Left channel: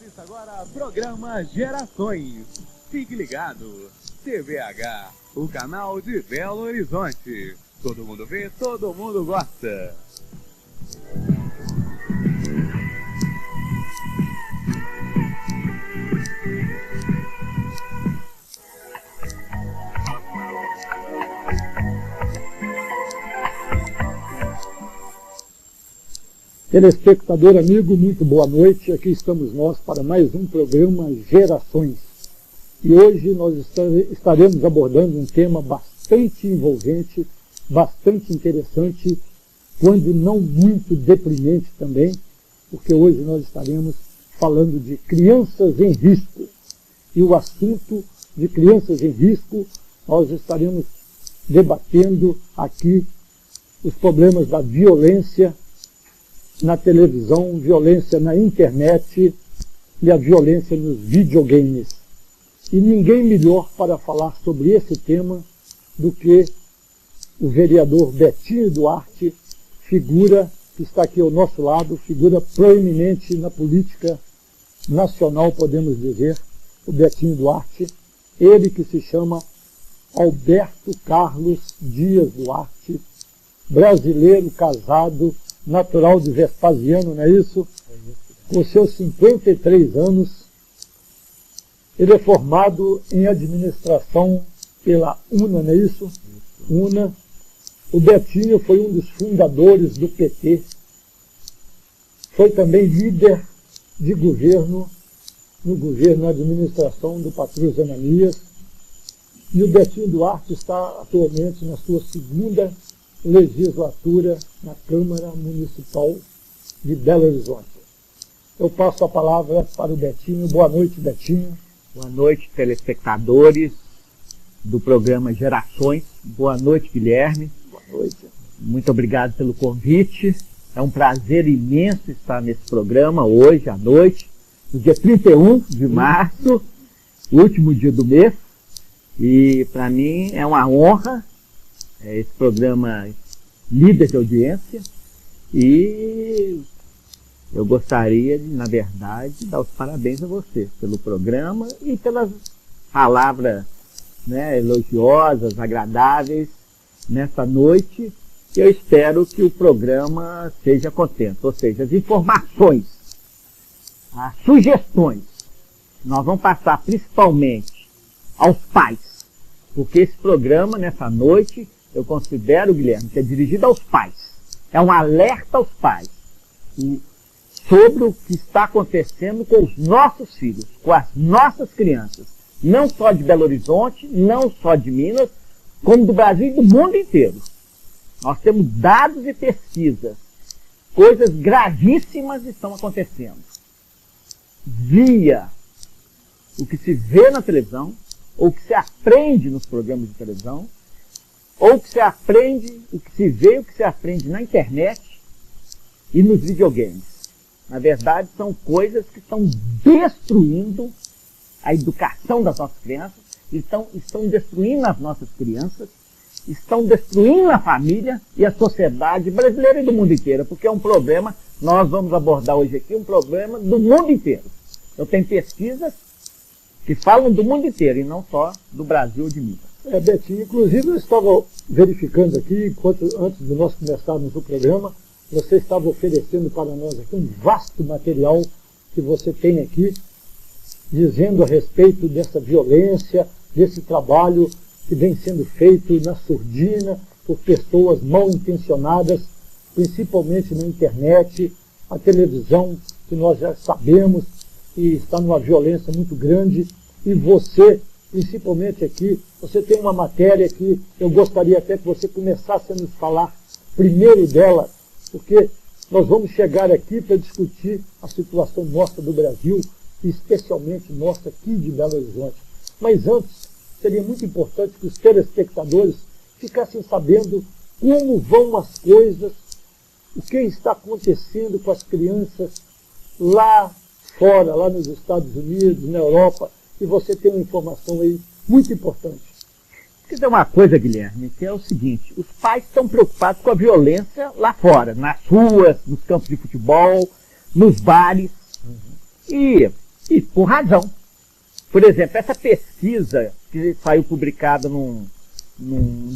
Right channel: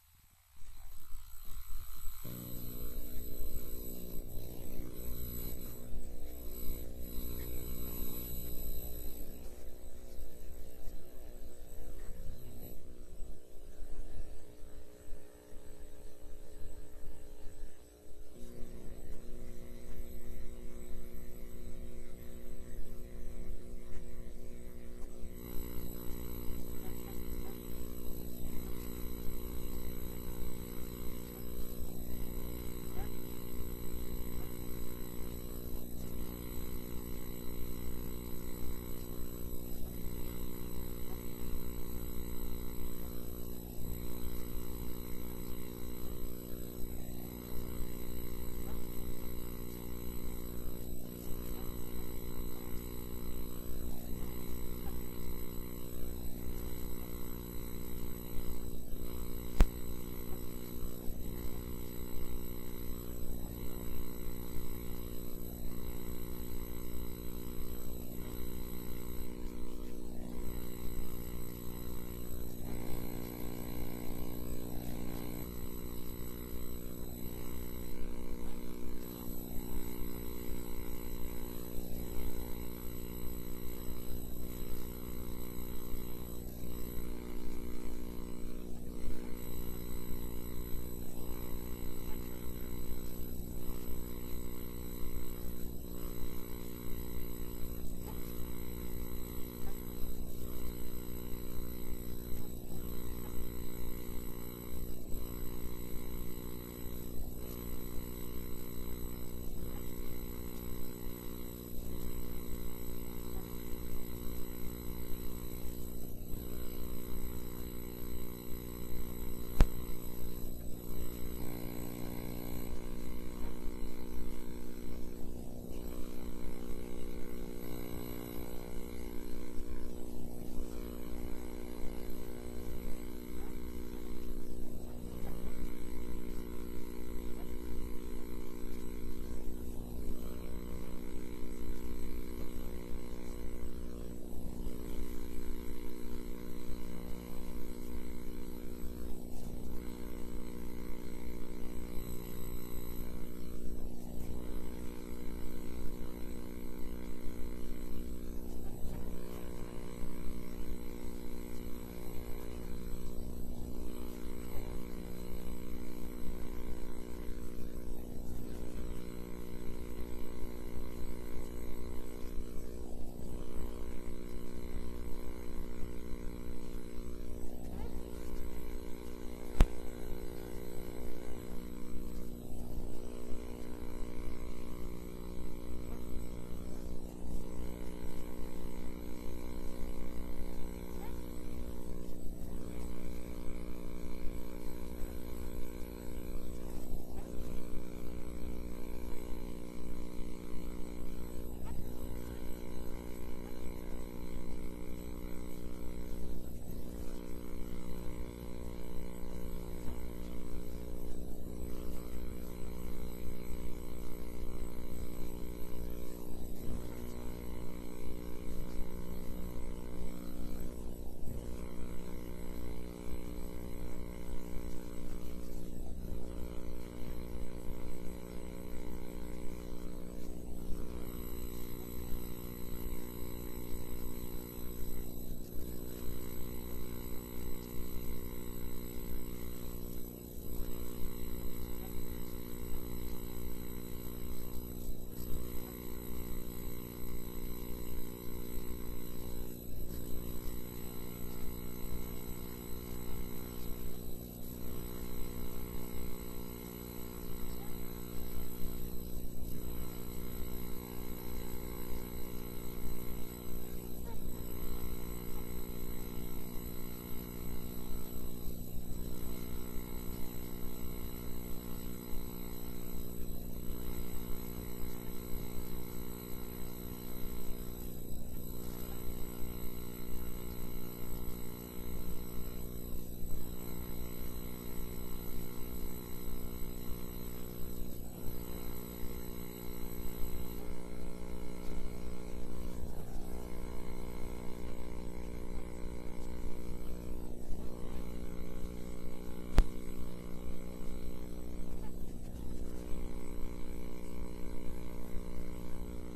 Assista agora programa Gerações. Fique ligado. TVH, o canal de Belo Horizonte. Todo mundo vê, todo mundo gosta. Telespectador amigo, muito boa noite. Aqui estamos nós para mais um programa Gerações. E hoje nós estaremos abordando um tema bastante envolvente, bastante interessante, quando não muito deprimente também, porque hoje nós estaremos falando de crianças em risco. E o assunto de crianças em risco, nós estaremos debatendo aqui os problemas da violência na televisão, violência na internet e a violência nos videogames. E ninguém melhor para falar sobre esse tema do que o vereador Betinho Duarte, figura que está aqui ao nosso lado, figura proeminente na política nacional, podemos dizer, o Betinho Duarte, ele que se chama Alberto Carlos Dias Duarte, brasileiro, casado, natural de Vespasiano, não é isso? Com seus 53 anos, ele é formado em administração pela UNA, não é isso? UNA. O Betinho foi um dos fundadores do PT, foi também líder de governo, na administração do Patrus Ananias, e o Betinho Duarte está atualmente na sua segunda legislatura na Câmara Municipal de Belo Horizonte. Eu passo a palavra para o Betinho. Boa noite, Betinho. Boa noite, telespectadores do programa Gerações. Boa noite, Guilherme. Boa noite. Muito obrigado pelo convite. É um prazer imenso estar nesse programa hoje à noite, no dia 31 de março, último dia do mês. E para mim é uma honra esse programa líder de audiência, e eu gostaria, na verdade, de dar os parabéns a você pelo programa e pelas palavras, elogiosas, agradáveis nessa noite. Eu espero que o programa seja contente, ou seja, as informações, as sugestões, nós vamos passar principalmente aos pais, porque esse programa, nessa noite, eu considero, Guilherme, que é dirigido aos pais. É um alerta aos pais sobre o que está acontecendo com os nossos filhos, com as nossas crianças. Não só de Belo Horizonte, não só de Minas, como do Brasil e do mundo inteiro. Nós temos dados e pesquisas. Coisas gravíssimas estão acontecendo. Via o que se vê na televisão, ou o que se aprende nos programas de televisão, ou o que se aprende, o que se vê, o que se aprende na internet e nos videogames. Na verdade, são coisas que estão destruindo a educação das nossas crianças, estão destruindo as nossas crianças, estão destruindo a família e a sociedade brasileira e do mundo inteiro, porque é um problema, nós vamos abordar hoje aqui, um problema do mundo inteiro. Eu tenho pesquisas que falam do mundo inteiro e não só do Brasil ou de Minas. Betinho, inclusive eu estava verificando aqui, antes de nós começarmos o programa, você estava oferecendo para nós aqui um vasto material que você tem aqui, dizendo a respeito dessa violência, desse trabalho que vem sendo feito na surdina por pessoas mal intencionadas, principalmente na internet, a televisão, que nós já sabemos que está numa violência muito grande, e você, principalmente aqui, você tem uma matéria que eu gostaria até que você começasse a nos falar primeiro dela, porque nós vamos chegar aqui para discutir a situação nossa do Brasil, e especialmente nossa aqui de Belo Horizonte. Mas antes, seria muito importante que os telespectadores ficassem sabendo como vão as coisas, o que está acontecendo com as crianças lá fora, lá nos Estados Unidos, na Europa, e você tem uma informação aí muito importante. Quer dizer uma coisa, Guilherme, que é o seguinte: os pais estão preocupados com a violência lá fora, nas ruas, nos campos de futebol, nos bares. E com razão. Por exemplo, essa pesquisa que saiu publicada num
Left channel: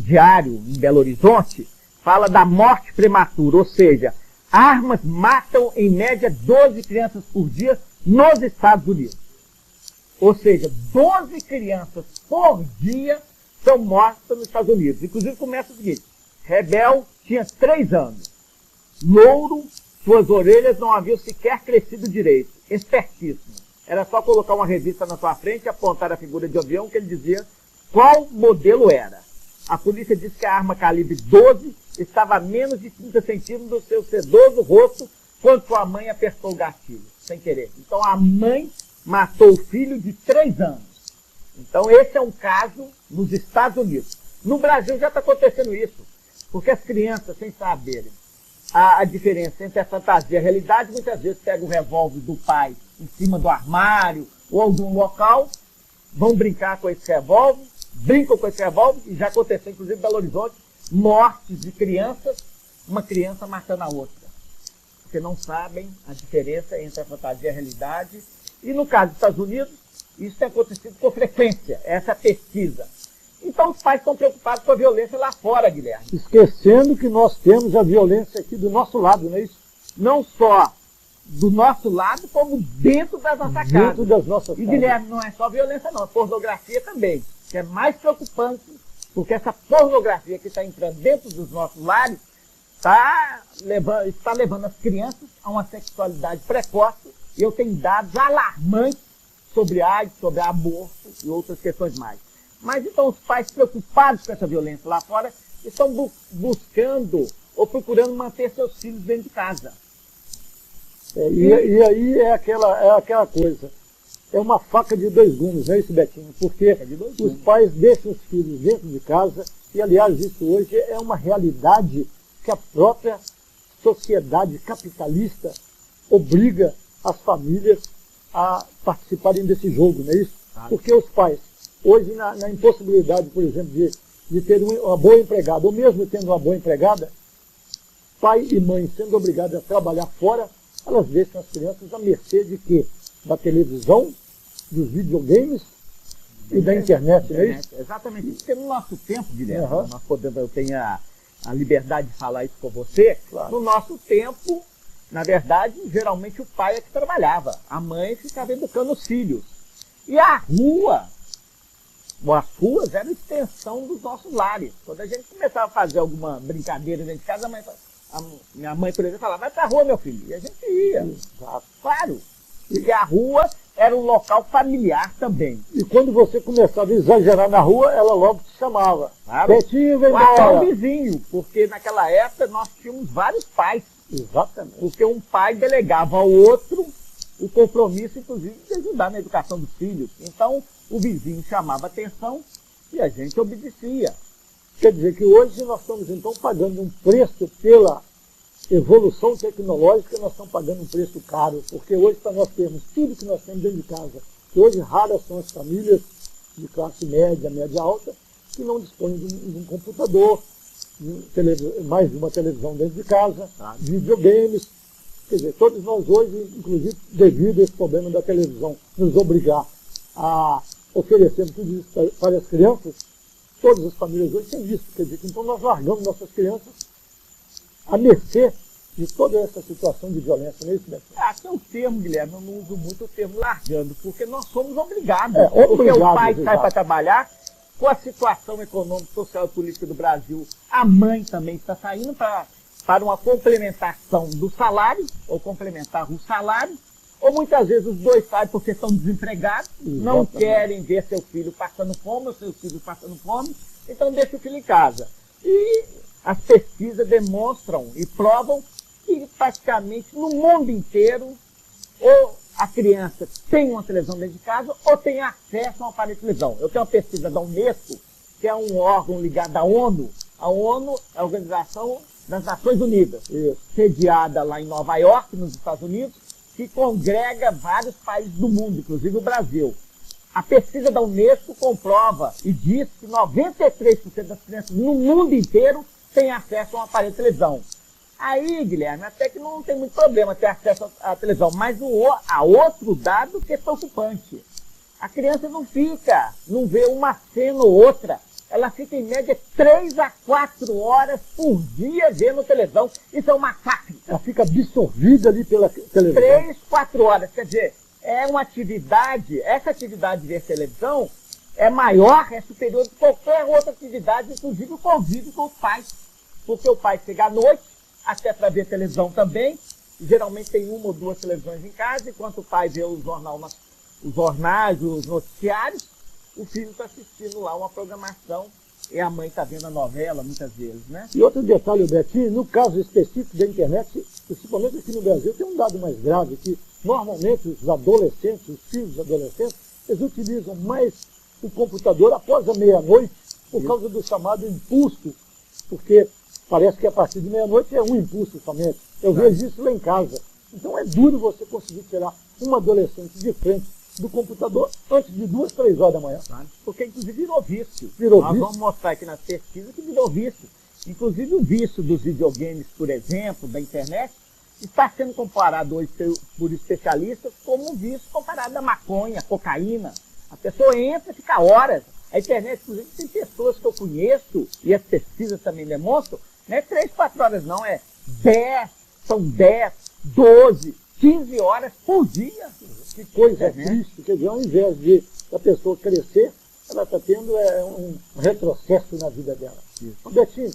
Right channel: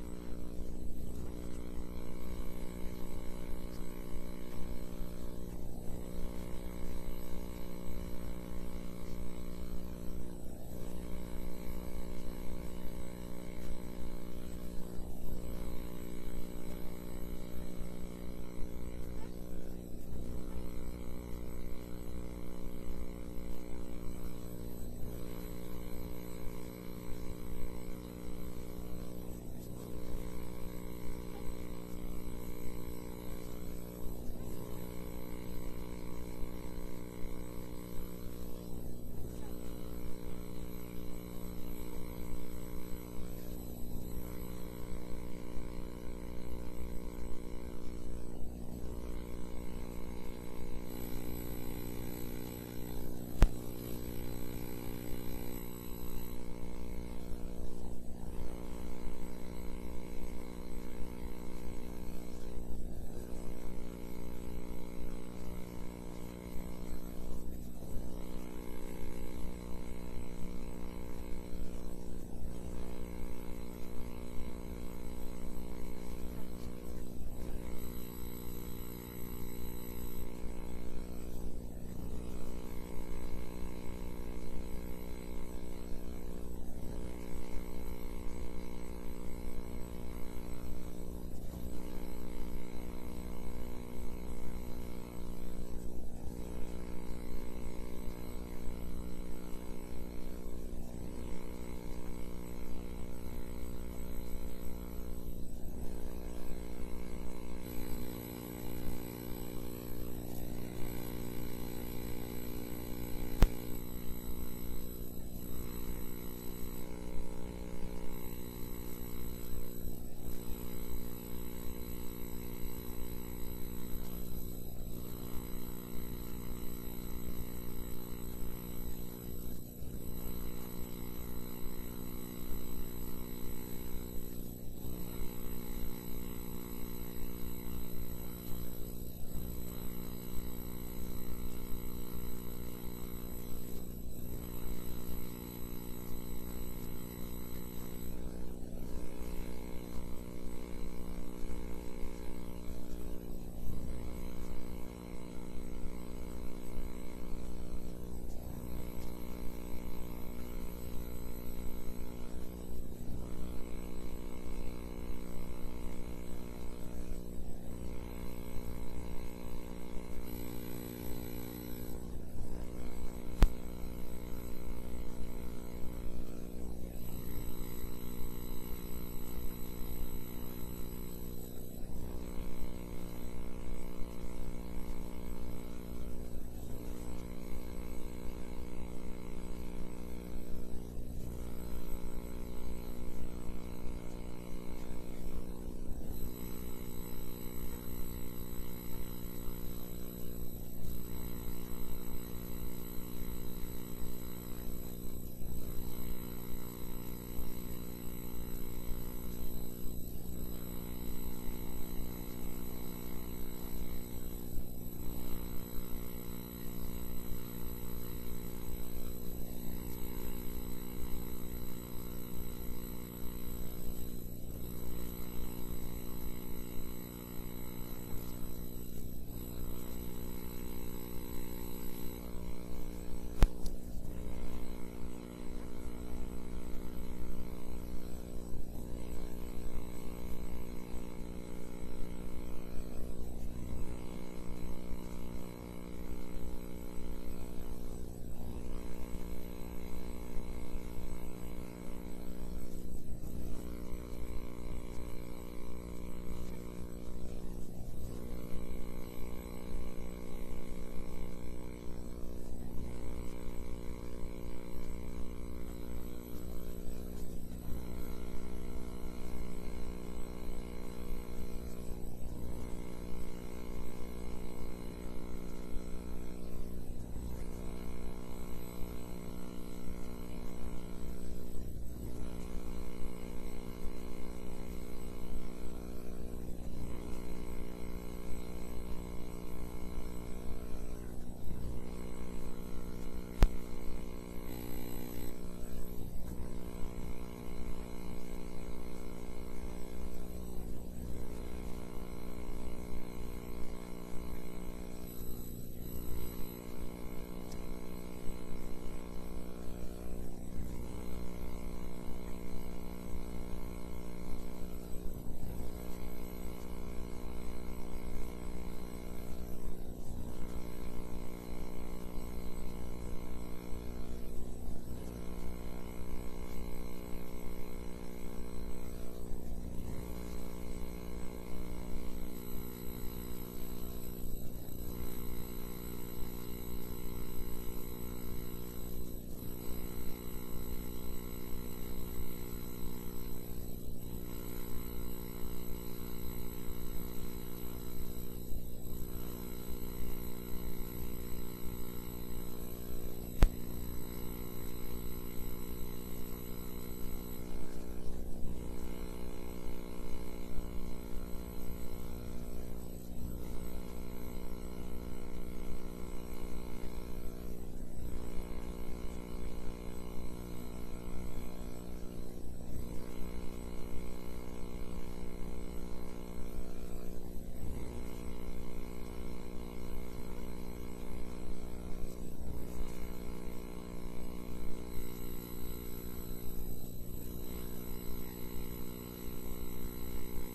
diário em Belo Horizonte fala da morte prematura, ou seja, armas matam em média 12 crianças por dia nos Estados Unidos. Ou seja, 12 crianças por dia são mortas nos Estados Unidos. Inclusive começa o seguinte: Rebel tinha 3 anos, louro, suas orelhas não haviam sequer crescido direito, espertíssimo. Era só colocar uma revista na sua frente e apontar a figura de avião que ele dizia qual modelo era. A polícia disse que a arma calibre 12 estava a menos de 30 centímetros do seu sedoso rosto quando sua mãe apertou o gatilho, sem querer. Então a mãe matou o filho de 3 anos. Então esse é um caso nos Estados Unidos. No Brasil já está acontecendo isso, porque as crianças, sem saberem a diferença entre a fantasia e a realidade, muitas vezes pegam o revólver do pai em cima do armário ou algum local, vão brincar com esse revólver, brincam com esse revólver, e já aconteceu, inclusive em Belo Horizonte, mortes de crianças, uma criança matando a outra. Porque não sabem a diferença entre a fantasia e a realidade. E no caso dos Estados Unidos, isso tem acontecido com frequência, essa pesquisa. Então os pais estão preocupados com a violência lá fora, Guilherme. Esquecendo que nós temos a violência aqui do nosso lado, não é isso? Não só do nosso lado, como dentro da nossa casa. Dentro das nossas E, casas. Guilherme, não é só violência não, é pornografia também, que é mais preocupante, porque essa pornografia que está entrando dentro dos nossos lares está levando as crianças a uma sexualidade precoce. E eu tenho dados alarmantes sobre AIDS, sobre aborto e outras questões mais. Mas então os pais preocupados com essa violência lá fora estão buscando ou procurando manter seus filhos dentro de casa. E aí é aquela coisa. É uma faca de 2 gumes, não é isso, Betinho? Porque os pais deixam os filhos dentro de casa, e aliás isso hoje é uma realidade que a própria sociedade capitalista obriga as famílias a participarem desse jogo, não é isso? Porque os pais, hoje na impossibilidade, por exemplo, de ter uma boa empregada, ou mesmo tendo uma boa empregada, pai e mãe sendo obrigados a trabalhar fora, elas deixam as crianças à mercê de quê? Da televisão, dos videogames e da internet, não é isso? Exatamente. Porque no nosso tempo, Guilherme, eu tenho a liberdade de falar isso com você, claro. No nosso tempo, na verdade, geralmente o pai é que trabalhava, a mãe ficava educando os filhos. E a rua, as ruas eram extensão dos nossos lares. Quando a gente começava a fazer alguma brincadeira dentro de casa, minha mãe, por exemplo, falava, vai pra rua, meu filho. E a gente ia. Claro. E a rua era um local familiar também. E quando você começava a exagerar na rua, ela logo te chamava. Betinho, vem até embora. o vizinho, porque naquela época nós tínhamos vários pais. Exatamente. Porque um pai delegava ao outro o compromisso, inclusive, de ajudar na educação dos filhos. Então, o vizinho chamava atenção e a gente obedecia. Quer dizer que hoje nós estamos, então, pagando um preço pela evolução tecnológica, nós estamos pagando um preço caro, porque hoje, para nós termos tudo que nós temos dentro de casa, que hoje raras são as famílias de classe média, média alta, que não dispõem de um computador, mais de uma televisão dentro de casa, videogames. Quer dizer, todos nós hoje, inclusive devido a esse problema da televisão nos obrigar a oferecer tudo isso para as crianças, todas as famílias hoje têm isso. Quer dizer, então nós largamos nossas crianças à mercê de toda essa situação de violência, não é isso, Beto? Tem um termo, Guilherme, eu não uso muito o termo largando, porque nós somos obrigados. Porque o pai sai para trabalhar, com a situação econômica, social e política do Brasil, a mãe também está saindo para uma complementação do salário, ou complementar o salário, ou muitas vezes os dois saem porque estão desempregados, não querem ver seu filho passando fome, ou seus filhos passando fome, então deixa o filho em casa. E as pesquisas demonstram e provam que praticamente no mundo inteiro, ou a criança tem uma televisão dentro de casa, ou tem acesso a um aparelho de televisão. Eu tenho uma pesquisa da Unesco, que é um órgão ligado à ONU. A ONU é a Organização das Nações Unidas, sediada lá em Nova York, nos Estados Unidos, que congrega vários países do mundo, inclusive o Brasil. A pesquisa da Unesco comprova e diz que 93% das crianças no mundo inteiro têm acesso a um aparelho de televisão. Aí, Guilherme, até que não tem muito problema ter acesso à televisão, mas há outro dado que é preocupante. A criança não vê uma cena ou outra. Ela fica em média 3 a 4 horas por dia vendo televisão. Isso é um massacre. Ela fica absorvida ali pela televisão. 3, 4 horas. Quer dizer, é uma atividade, essa atividade de ver televisão é maior, é superior de qualquer outra atividade, inclusive o convívio com os pais. Porque o pai chega à noite, até para ver televisão também. Geralmente tem uma ou duas televisões em casa, enquanto o pai vê os jornais, os noticiários, o filho está assistindo lá uma programação e a mãe está vendo a novela muitas vezes, né? E outro detalhe, Betinho, no caso específico da internet, principalmente aqui no Brasil, tem um dado mais grave, que normalmente os adolescentes, os filhos dos adolescentes, eles utilizam mais o computador após a meia-noite por causa do chamado impulso, porque parece que a partir de meia-noite é um impulso somente. Eu vejo isso lá em casa. Então é duro você conseguir tirar um adolescente de frente do computador antes de 2, 3 horas da manhã. Porque inclusive virou vício. Virou Nós vício. vamos mostrar aqui nas pesquisas que virou vício. Inclusive o vício dos videogames, por exemplo, da internet, está sendo comparado hoje por especialistas como um vício comparado à maconha, à cocaína. A pessoa entra e fica horas. A internet, inclusive, tem pessoas que eu conheço, e as pesquisas também demonstram, não é 3, 4 horas não, são 10, 12, 15 horas por dia. Que coisa triste, quer dizer, ao invés de a pessoa crescer, ela está tendo um retrocesso na vida dela. Betinho,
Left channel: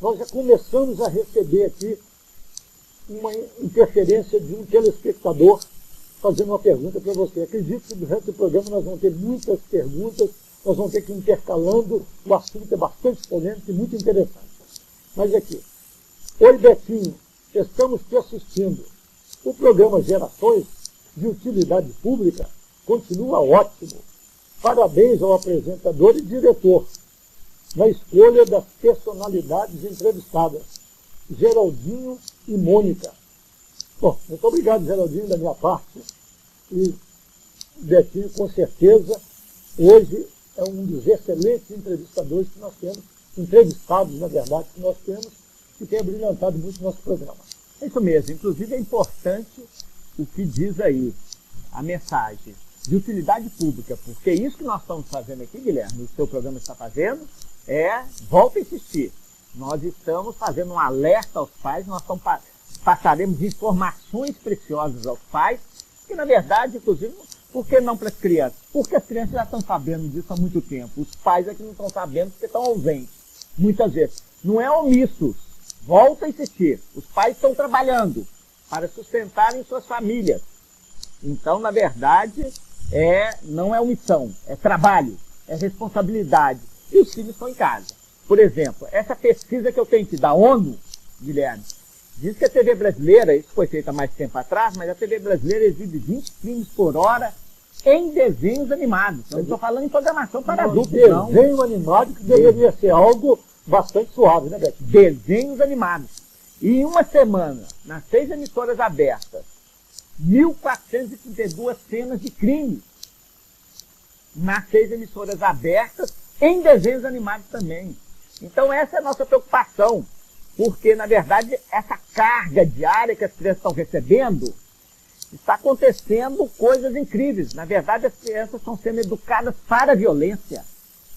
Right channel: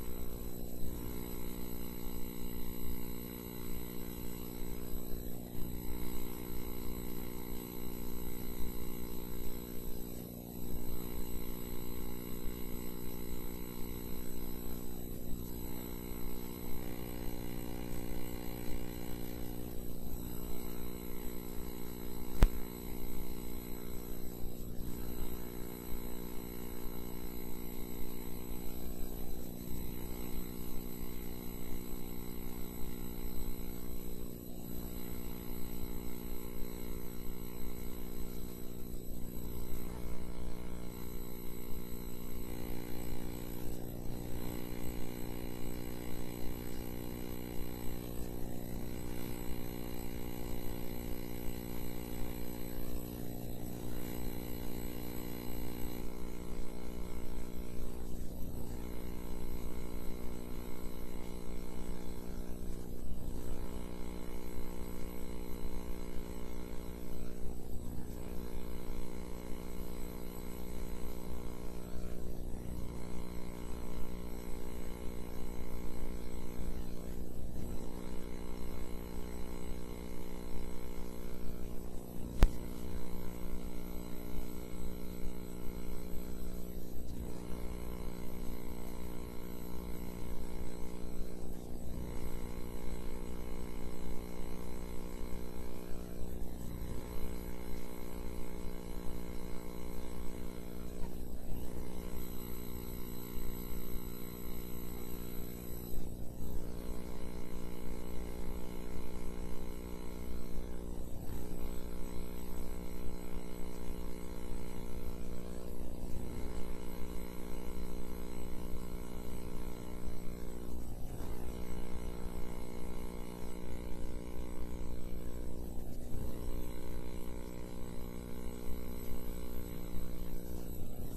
nós já começamos a receber aqui uma interferência de um telespectador fazendo uma pergunta para você. Acredito que durante o programa nós vamos ter muitas perguntas, nós vamos ter que ir intercalando, o assunto é bastante polêmico e muito interessante. Mas aqui, oi Betinho, estamos te assistindo. O programa Gerações de Utilidade Pública continua ótimo. Parabéns ao apresentador e diretor na escolha das personalidades entrevistadas, Geraldinho e Mônica. Bom, muito obrigado, Geraldinho, da minha parte. E Betinho, com certeza, hoje é um dos excelentes entrevistadores que nós temos, entrevistados, na verdade, que nós temos, que tem brilhantado muito o nosso programa. É isso mesmo. Inclusive é importante o que diz aí, a mensagem de utilidade pública, porque isso que nós estamos fazendo aqui, Guilherme, o seu programa está fazendo, volta a insistir, nós estamos fazendo um alerta aos pais, nós passaremos informações preciosas aos pais, que na verdade, inclusive, por que não para as crianças? Porque as crianças já estão sabendo disso há muito tempo, os pais é que não estão sabendo porque estão ausentes, muitas vezes. Não é omissos, volta a insistir, os pais estão trabalhando para sustentarem suas famílias. Então, na verdade, não é omissão, é trabalho, é responsabilidade. E os filhos estão em casa. Por exemplo, essa pesquisa que eu tenho aqui da ONU, Guilherme, diz que a TV brasileira, isso foi feito há mais tempo atrás, mas a TV brasileira exibe 20 filmes por hora em desenhos animados. Eu não estou falando em programação para adultos, não. Desenho animado que deveria ser algo bastante suave, né, Beto? Desenhos animados. E em uma semana, nas 6 emissoras abertas, 1.432 cenas de crime. Nas 6 emissoras abertas, em desenhos animados também. Então essa é a nossa preocupação, porque na verdade essa carga diária que as crianças estão recebendo, está acontecendo coisas incríveis. Na verdade as crianças estão sendo educadas para a violência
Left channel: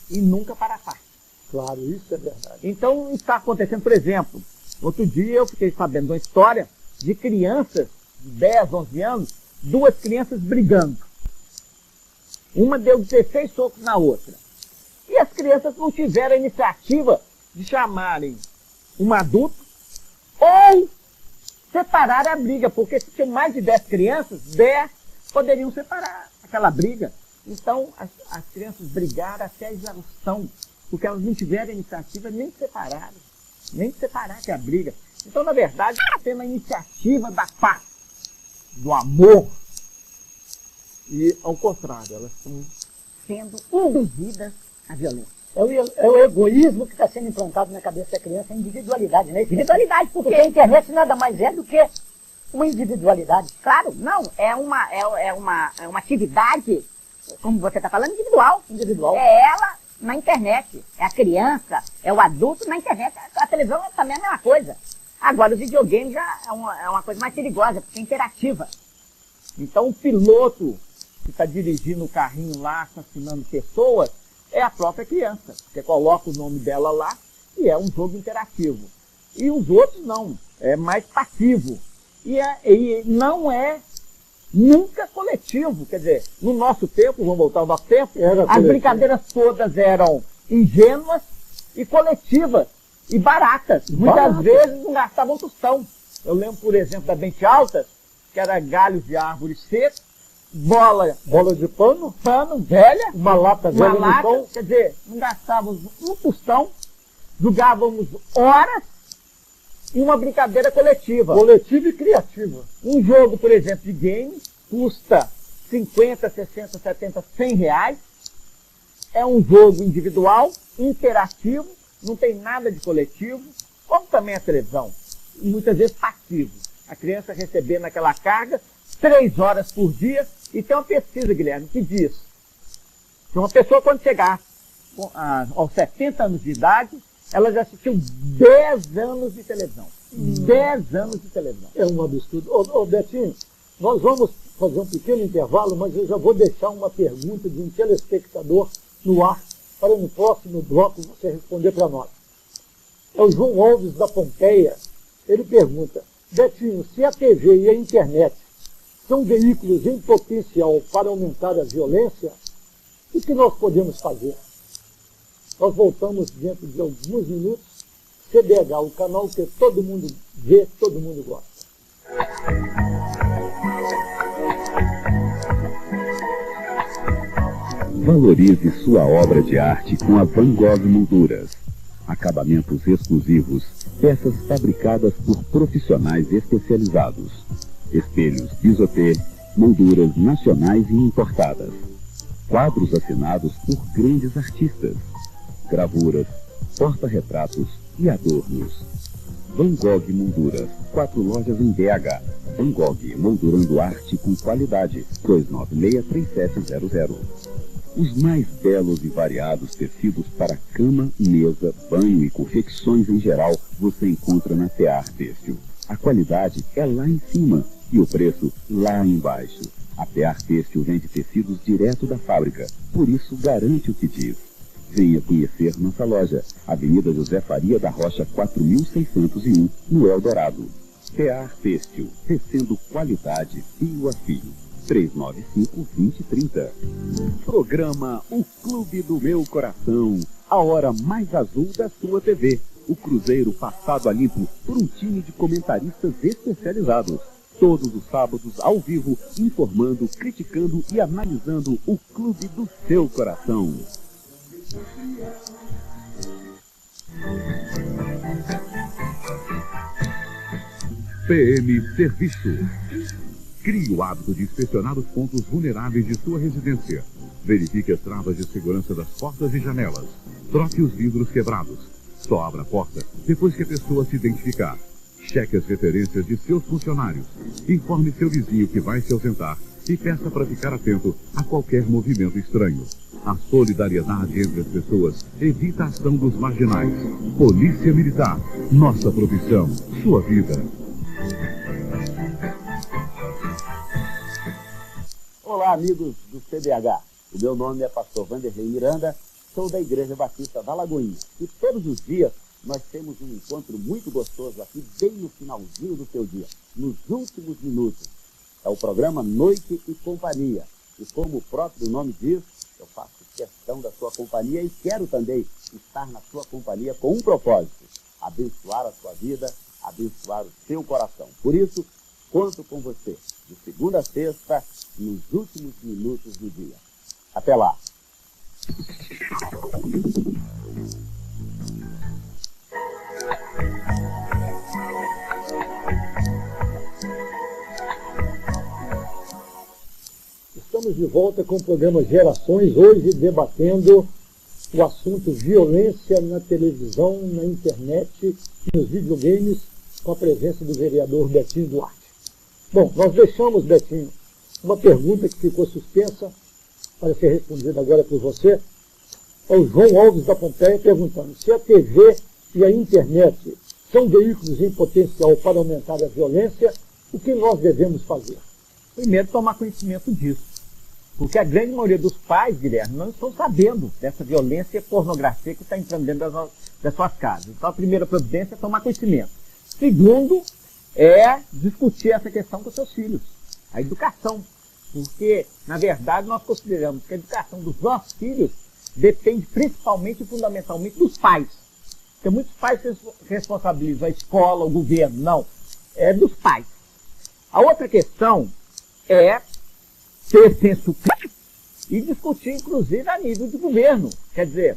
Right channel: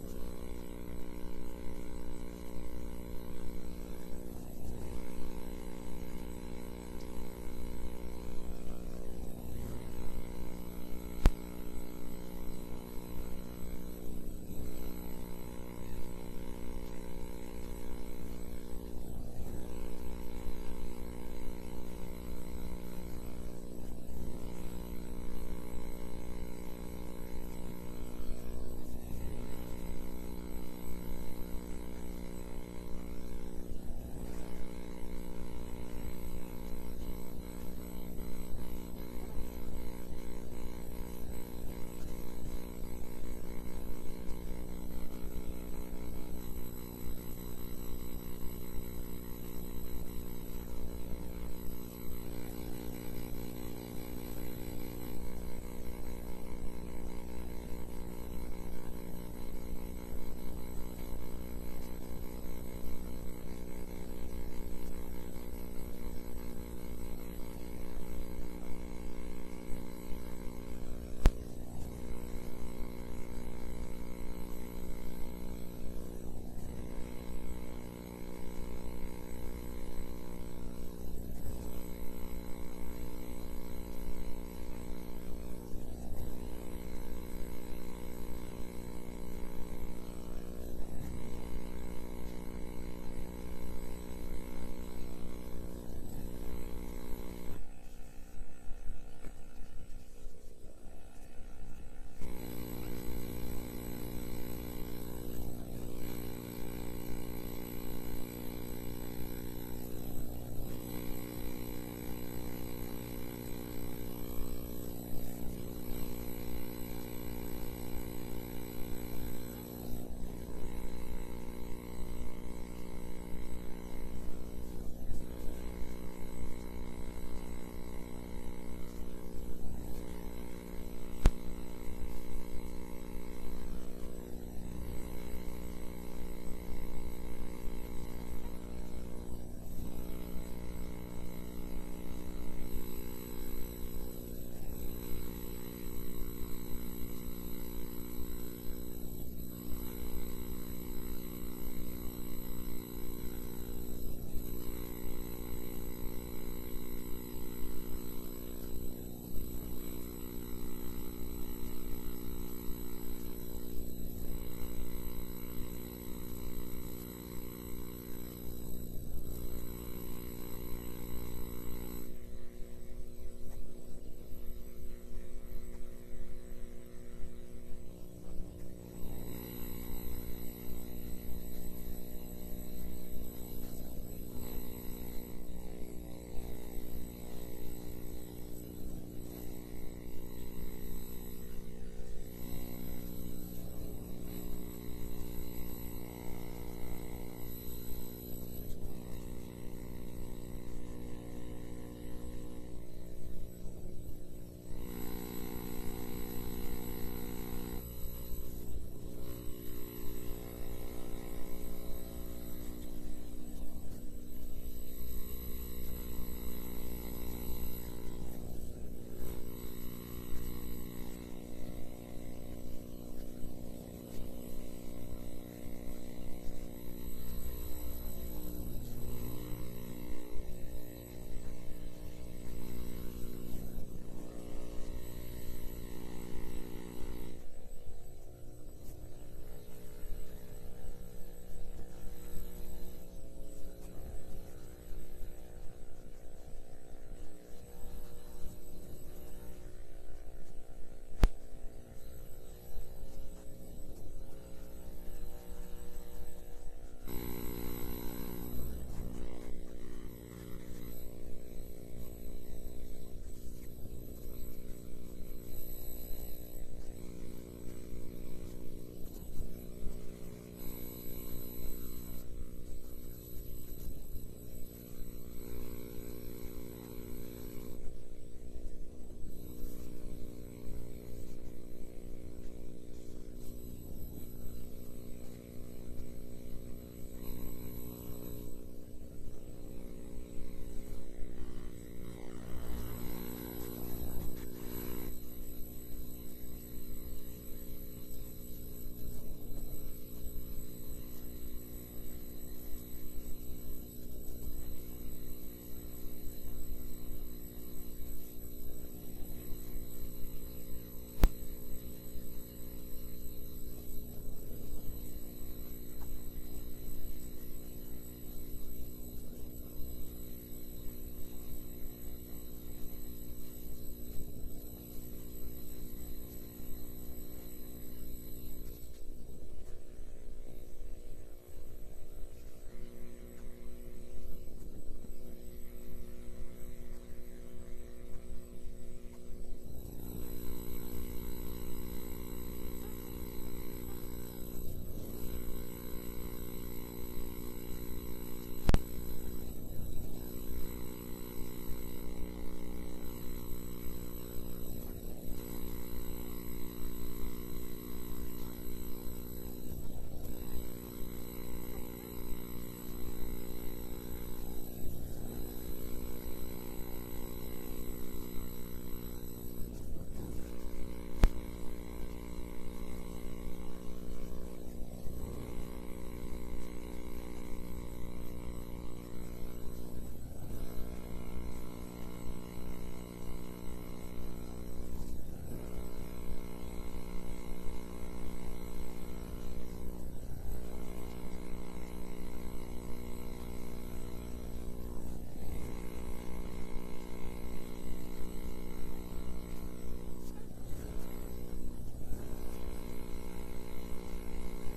e nunca para a paz. Claro, isso é verdade. Então está acontecendo, por exemplo, outro dia eu fiquei sabendo de uma história de crianças, 10, 11 anos, 2 crianças brigando. Uma deu 16 socos na outra. E as crianças não tiveram a iniciativa de chamarem um adulto ou separar a briga, porque se tinham mais de 10 crianças, 10 poderiam separar aquela briga. Então as crianças brigaram até a exaustão, porque elas não tiveram a iniciativa nem de separar que a briga. Então, na verdade, está tendo a iniciativa da paz, do amor, e ao contrário, elas estão sendo induzidas à violência. É o egoísmo que está sendo implantado na cabeça da criança, a individualidade, né? Individualidade, porque a internet nada mais é do que uma individualidade. Claro, não, é uma atividade, como você está falando, individual. É ela na internet, é a criança, é o adulto na internet. A televisão também é a mesma coisa. Agora, o videogame já é uma coisa mais perigosa, porque é interativa. Então, o piloto que está dirigindo o carrinho lá, assassinando pessoas, é a própria criança. Você coloca o nome dela lá e é um jogo interativo. E os outros não, é mais passivo. E não é nunca coletivo. Quer dizer, no nosso tempo, vamos voltar ao nosso tempo, as brincadeiras todas eram ingênuas e coletivas e baratas. Muitas vezes não gastavam tostão. Eu lembro, por exemplo, da Bente Altas, que era galhos de árvore seco, bola de pano velha, uma lata velha no chão. Quer dizer, não gastávamos um tostão, jogávamos horas e uma brincadeira coletiva. Coletiva e criativa. Um jogo, por exemplo, de game custa 50, 60, 70, 100 reais. É um jogo individual, interativo, não tem nada de coletivo, como também a televisão. E muitas vezes passivo. A criança recebendo aquela carga 3 horas por dia. E tem uma pesquisa, Guilherme, que diz que uma pessoa, quando chegar aos 70 anos de idade, ela já assistiu 10 anos de televisão. 10 anos de televisão. É um absurdo. Ô Betinho, nós vamos fazer um pequeno intervalo, mas eu já vou deixar uma pergunta de um telespectador no ar para no próximo bloco você responder para nós. É o João Alves da Pompeia. Ele pergunta: Betinho, se a TV e a internet são veículos em potencial para aumentar a violência, o que nós podemos fazer? Nós voltamos dentro de alguns minutos. CBH, o canal que todo mundo vê, todo mundo gosta. Valorize sua obra de arte com a Van Gogh Molduras. Acabamentos exclusivos, peças fabricadas por profissionais especializados. Espelhos bisotê, molduras nacionais e importadas. Quadros assinados por grandes artistas. Gravuras, porta-retratos e adornos. Van Gogh Molduras, 4 lojas em BH. Van Gogh, moldurando arte com qualidade. 296-3700. Os mais belos e variados tecidos para cama, mesa, banho e confecções em geral você encontra na Tear Têxtil. A qualidade é lá em cima e o preço lá embaixo. A Tear Têxtil vende tecidos direto da fábrica, por isso garante o que diz. Venha conhecer nossa loja, Avenida José Faria da Rocha 4601, no Eldorado. Tear Têxtil, tecendo qualidade fio a fio. 395-2030. Programa O Clube do Meu Coração, a hora mais azul da sua TV. O Cruzeiro passado a limpo por um time de comentaristas especializados. Todos os sábados, ao vivo, informando, criticando e analisando o clube do seu coração. PM Serviço. Crie o hábito de inspecionar os pontos vulneráveis de sua residência. Verifique as travas de segurança das portas e janelas. Troque os vidros quebrados. Só abra a porta depois que a pessoa se identificar. Cheque as referências de seus funcionários. Informe seu vizinho que vai se ausentar e peça para ficar atento a qualquer movimento estranho. A solidariedade entre as pessoas evita a ação dos marginais. Polícia Militar. Nossa profissão. Sua vida. Olá, amigos do CBH. O meu nome é pastor Vanderlei Miranda, sou da Igreja Batista da Lagoinha. E todos os dias nós temos um encontro muito gostoso aqui, bem no finalzinho do seu dia, nos últimos minutos. É o programa Noite e Companhia. E como o próprio nome diz, eu faço questão da sua companhia e quero também estar na sua companhia com um propósito: abençoar a sua vida, abençoar o seu coração. Por isso, conto com você, de segunda a sexta, nos últimos minutos do dia. Até lá! Estamos de volta com o programa Gerações, hoje debatendo o assunto violência na televisão, na internet e nos videogames, com a presença do vereador Betinho Duarte. Bom, nós deixamos, Betinho, uma pergunta que ficou suspensa para ser respondida agora por você. É o João Alves da Pompeia perguntando se a TV e a internet são veículos em potencial para aumentar a violência, o que nós devemos fazer? Primeiro, tomar conhecimento disso. Porque a grande maioria dos pais, Guilherme, não estão sabendo dessa violência e pornografia que está entrando dentro das suas casas. Então, a primeira providência é tomar conhecimento. Segundo, é discutir essa questão com seus filhos. A educação. Porque, na verdade, nós consideramos que a educação dos nossos filhos depende principalmente e fundamentalmente dos pais. Porque muitos pais responsabilizam a escola, o governo. Não. É dos pais. A outra questão é ter senso crítico e discutir, inclusive, a nível de governo. Quer dizer,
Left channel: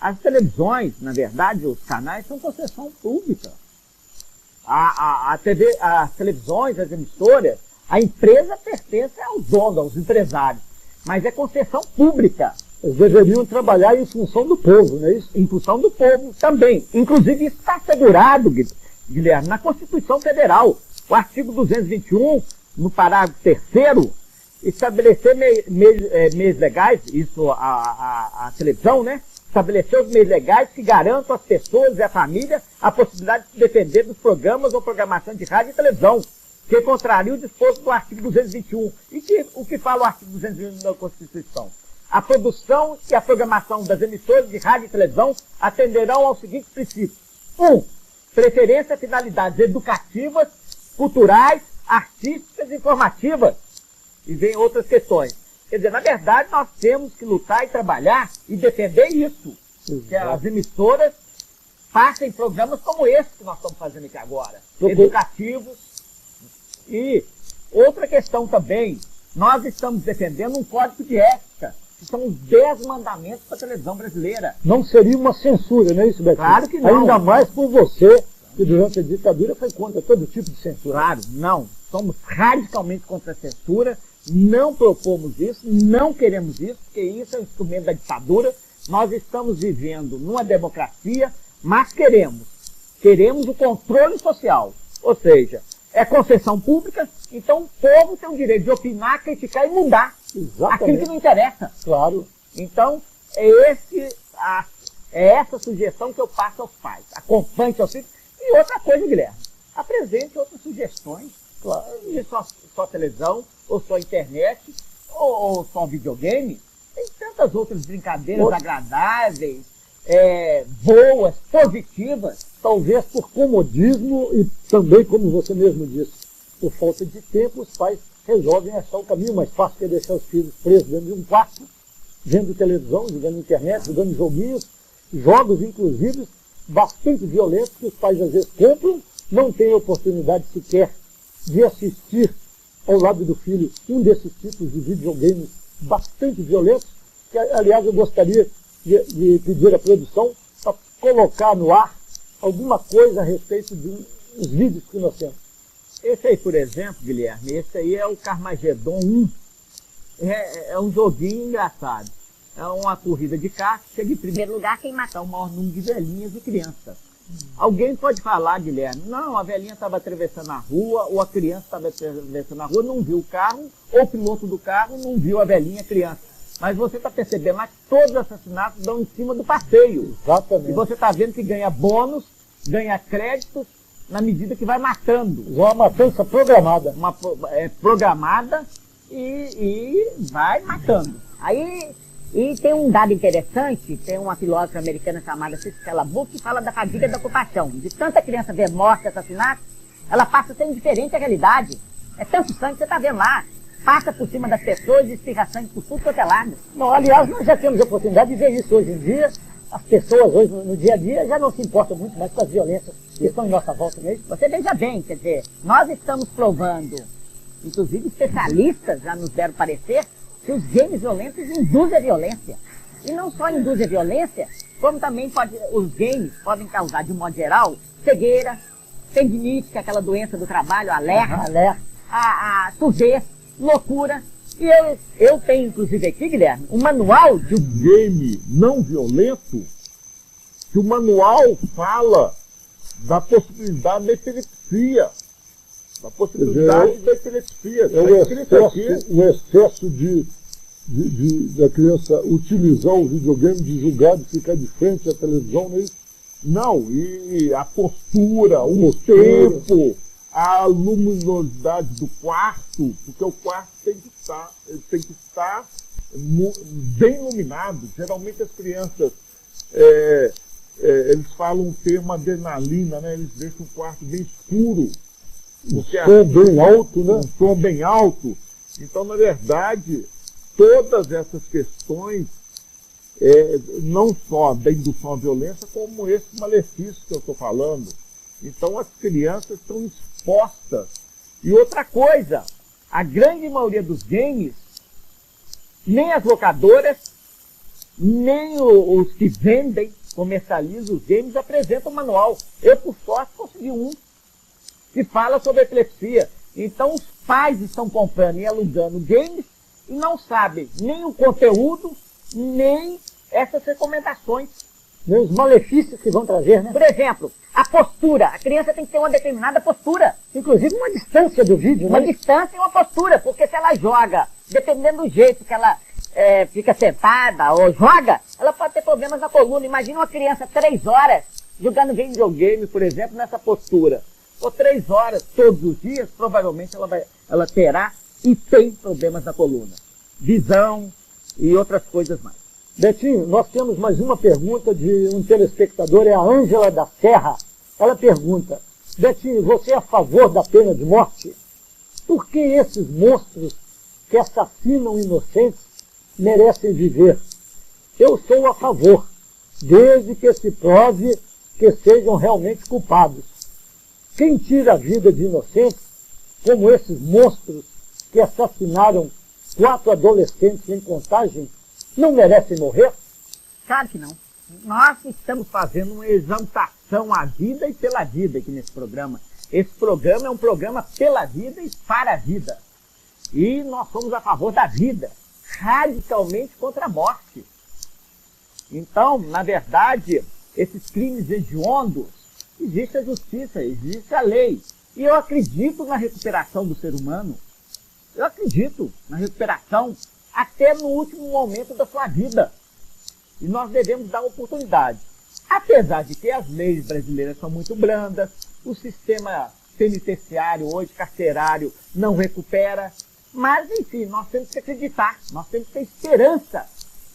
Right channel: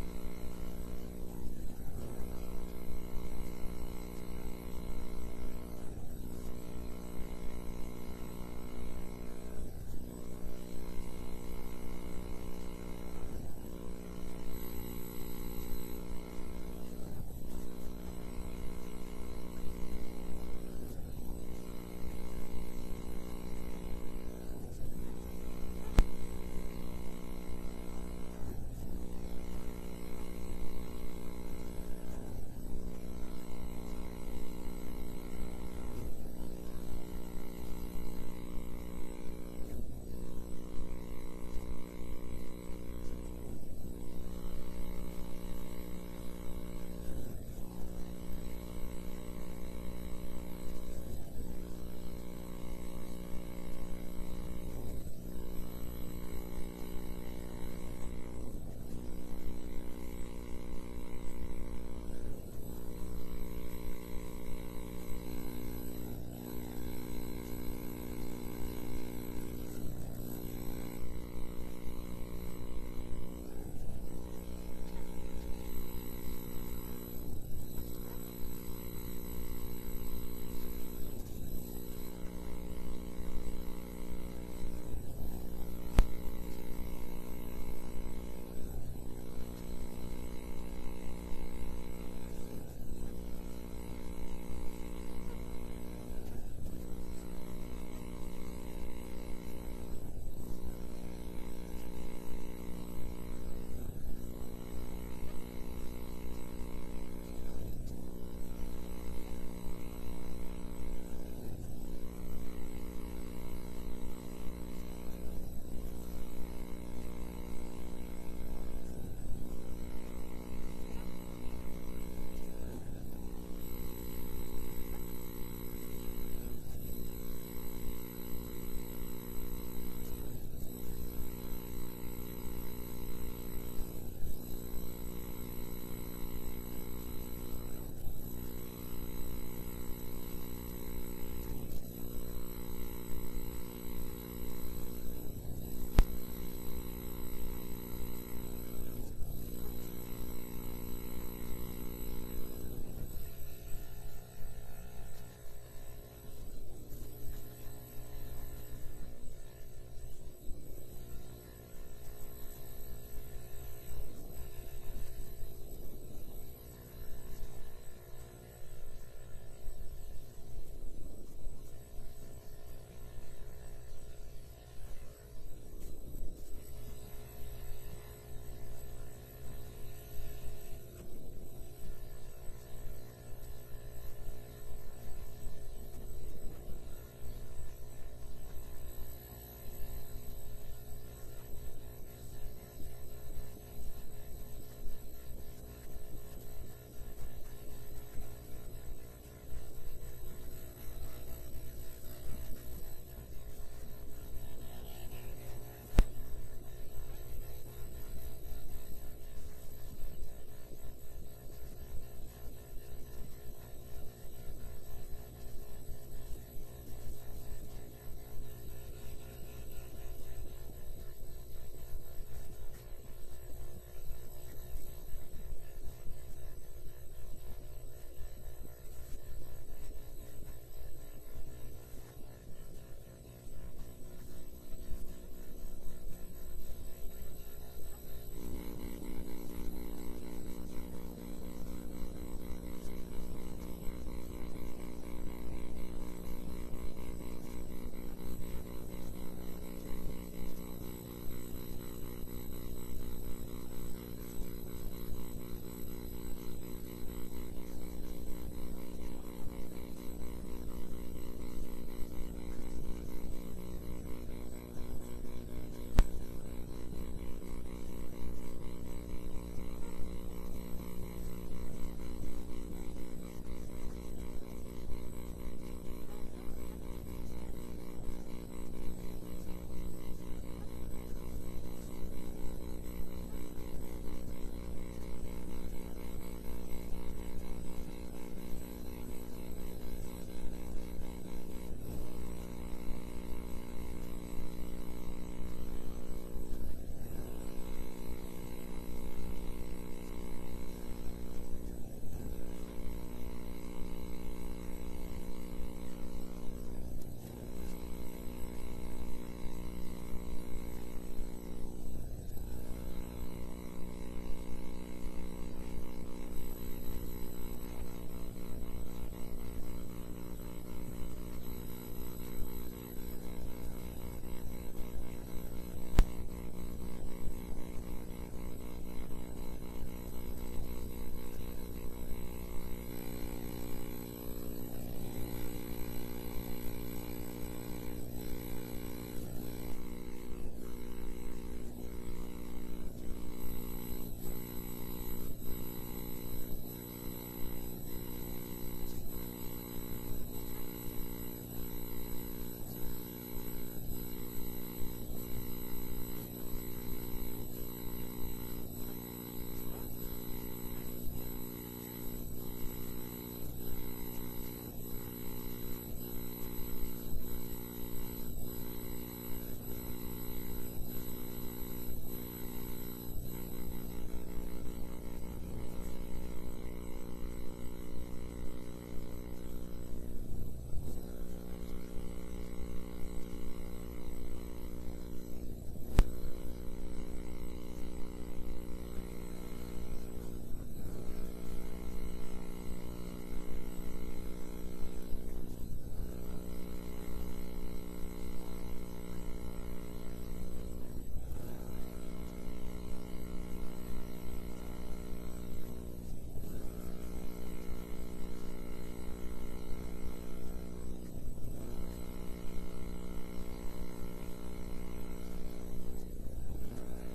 as televisões, na verdade, os canais são concessão pública. As televisões, as emissoras, a empresa pertence aos donos, aos empresários, mas é concessão pública. Eles deveriam trabalhar em função do povo, não é isso? Em função do povo também. Inclusive, isso está assegurado, Guilherme, na Constituição Federal. O artigo 221, no parágrafo 3º, estabelecer meios legais, isso a televisão, né? Estabelecer os meios legais que garantam às pessoas e à família a possibilidade de se defender dos programas ou programação de rádio e televisão, que contraria o disposto do artigo 221. E o que fala o artigo 221 da Constituição? A produção e a programação das emissoras de rádio e televisão atenderão aos seguintes princípios. 1. Preferência a finalidades educativas, culturais, artísticas e informativas. E vem outras questões. Quer dizer, na verdade, nós temos que lutar e trabalhar e defender isso. Que as emissoras passem programas como esse que nós estamos fazendo aqui agora. Educativos. E outra questão também, nós estamos defendendo um código de ética, que são os 10 mandamentos para a televisão brasileira. Não seria uma censura, não é isso, Betinho? Claro que não. Ainda mais por você, que durante a ditadura foi contra todo tipo de censura. Claro, não. Somos radicalmente contra a censura, não propomos isso, não queremos isso, porque isso é um instrumento da ditadura. Nós estamos vivendo numa democracia, mas queremos o controle social. Ou seja, é concessão pública, então o povo tem o direito de opinar, criticar e mudar. Exatamente. Aquilo que não interessa. Claro. Então, é essa sugestão que eu passo aos pais. Acompanhe seus filhos. E outra coisa, Guilherme, apresente outras sugestões. Claro, de só televisão, ou só internet, ou só videogame. Tem tantas outras brincadeiras agradáveis, boas, positivas. Talvez por comodismo e também, como você mesmo disse, por falta de tempo, os pais resolvem achar o caminho mais fácil, que é deixar os filhos presos dentro de um quarto, vendo televisão, jogando internet, jogando joguinhos, jogos inclusive bastante violentos, que os pais às vezes compram, não têm oportunidade sequer de assistir ao lado do filho um desses tipos de videogames bastante violentos, que aliás eu gostaria de pedir à produção para colocar no ar alguma coisa a respeito dos vídeos que nós temos. Esse aí, por exemplo, Guilherme, esse aí é o Carmageddon 1. É um joguinho engraçado. É uma corrida de carro, chega em primeiro lugar quem matar o maior número de velhinhas e crianças. Alguém pode falar, Guilherme, não, a velhinha estava atravessando a rua, ou a criança estava atravessando a rua, não viu o carro, ou o piloto do carro não viu a velhinha e a criança. Mas você está percebendo lá que todos os assassinatos dão em cima do passeio. Exatamente. E você está vendo que ganha bônus, ganha créditos, na medida que vai matando. Uma matança programada. Programada e vai matando. Aí, e tem um dado interessante, tem uma filósofa americana chamada Cicela Buck, que fala da fadiga da ocupação. De tanta criança ver morte, assassinato, ela passa a ser indiferente à realidade. É tanto sangue que você está vendo lá. Passa por cima das pessoas e espirra sangue por tudo quanto é lado. Não, aliás, nós já temos a oportunidade de ver isso hoje em dia. As pessoas hoje, no dia a dia, já não se importam muito mais com as violências que estão em nossa volta mesmo. Você veja bem, quer dizer, nós estamos provando, inclusive especialistas já nos deram parecer, que os games violentos induzem a violência. E não só induzem a violência, como também os games podem causar, de um modo geral, cegueira, tendinite, que é aquela doença do trabalho, alerta, a surdez, loucura. E eu tenho, inclusive, aqui, Guilherme, um manual de um game não violento, que o manual fala da possibilidade da epilepsia. Da possibilidade da epilepsia. O excesso da criança utilizar o videogame, de julgar, de ficar de frente à televisão, né? Não, e a postura, o tempo, a luminosidade do quarto, porque o quarto tem que estar bem iluminado. Geralmente as crianças, eles falam o termo adrenalina, né? Eles deixam o quarto bem escuro. Porque som bem alto, né? Um som bem alto. Então, na verdade, todas essas questões, não só da indução à violência, como esse malefício que eu estou falando. Então, as crianças estão expostas. E outra coisa, a grande maioria dos games, nem as locadoras, nem os que vendem, comercializam os games, apresentam manual. Eu, por sorte, consegui um que fala sobre epilepsia. Então, os pais estão comprando e alugando games e não sabem nem o conteúdo, nem essas recomendações. Nem os malefícios que vão trazer, né? Por exemplo, a postura. A criança tem que ter uma determinada postura. Inclusive uma distância do vídeo, Uma né? distância e uma postura. Porque se ela joga, dependendo do jeito que ela fica sentada ou joga, ela pode ter problemas na coluna. Imagina uma criança 3 horas jogando videogame, por exemplo, nessa postura. Por 3 horas, todos os dias, provavelmente ela terá e tem problemas na coluna. Visão e outras coisas mais. Betinho, nós temos mais uma pergunta de um telespectador, é a Ângela da Serra. Ela pergunta: Betinho, você é a favor da pena de morte? Por que esses monstros que assassinam inocentes merecem viver? Eu sou a favor, desde que se prove que sejam realmente culpados. Quem tira a vida de inocentes, como esses monstros que assassinaram 4 adolescentes em Contagem, não merecem morrer? Claro que não. Nós estamos fazendo uma exaltação à vida e pela vida aqui nesse programa. Esse programa é um programa pela vida e para a vida. E nós somos a favor da vida, radicalmente contra a morte. Então, na verdade, esses crimes hediondos, existe a justiça, existe a lei. E eu acredito na recuperação do ser humano. Eu acredito na recuperação até no último momento da sua vida. E nós devemos dar oportunidade. Apesar de que as leis brasileiras são muito brandas, o sistema penitenciário hoje, carcerário, não recupera. Mas, enfim, nós temos que acreditar, nós temos que ter esperança.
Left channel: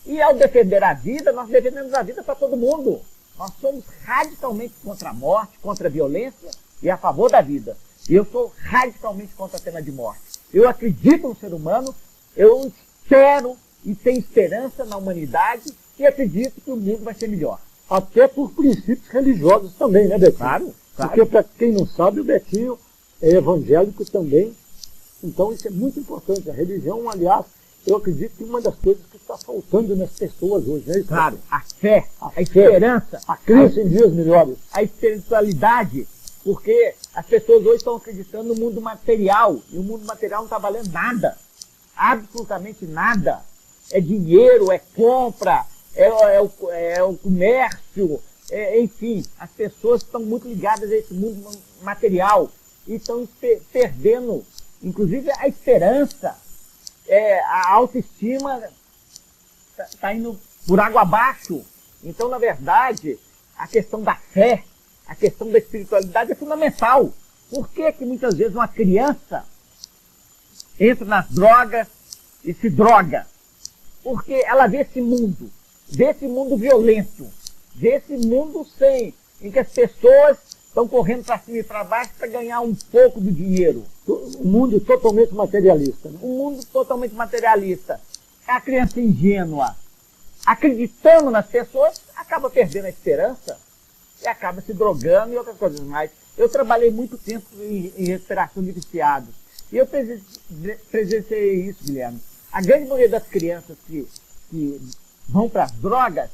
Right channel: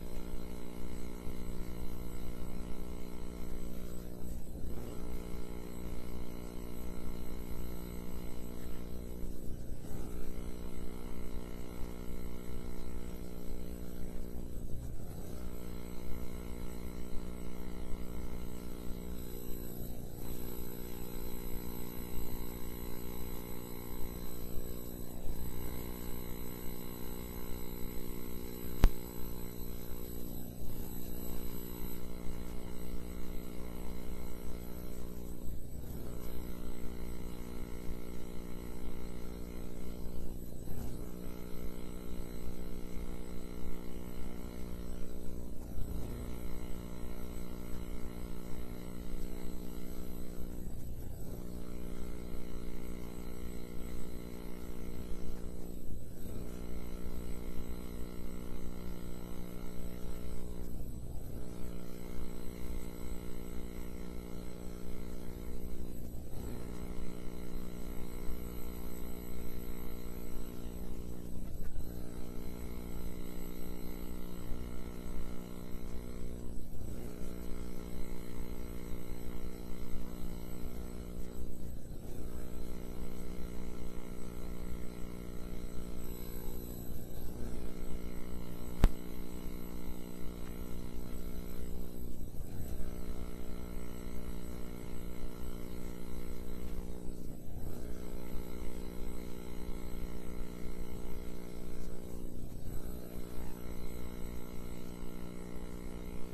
E ao defender a vida, nós defendemos a vida para todo mundo. Nós somos radicalmente contra a morte, contra a violência e a favor da vida. E eu sou radicalmente contra a pena de morte. Eu acredito no ser humano, eu espero e tenho esperança na humanidade e acredito que o mundo vai ser melhor. Até por princípios religiosos também, né, Betinho? Claro. Porque, para quem não sabe, o Betinho é evangélico também. Então, isso é muito importante. A religião, aliás, eu acredito que uma das coisas que está faltando nas pessoas hoje, né? Claro, a fé, a esperança, a crença em dias melhores. A espiritualidade, porque as pessoas hoje estão acreditando no mundo material, e o mundo material não está valendo nada, absolutamente nada. É dinheiro, é compra, é o comércio, enfim, as pessoas estão muito ligadas a esse mundo material e estão perdendo, inclusive, a esperança, a autoestima está indo por água abaixo. Então, na verdade, a questão da fé, a questão da espiritualidade é fundamental. Por que que muitas vezes uma criança entra nas drogas e se droga? Porque ela vê esse mundo violento, vê esse mundo em que as pessoas estão correndo para cima e para baixo para ganhar um pouco do dinheiro. Um mundo totalmente materialista. Né? Um mundo totalmente materialista. A criança ingênua, acreditando nas pessoas, acaba perdendo a esperança e acaba se drogando e outras coisas mais. Eu trabalhei muito tempo em recuperação de viciados e eu presenciei isso, Guilherme. A grande maioria das crianças que vão para as drogas,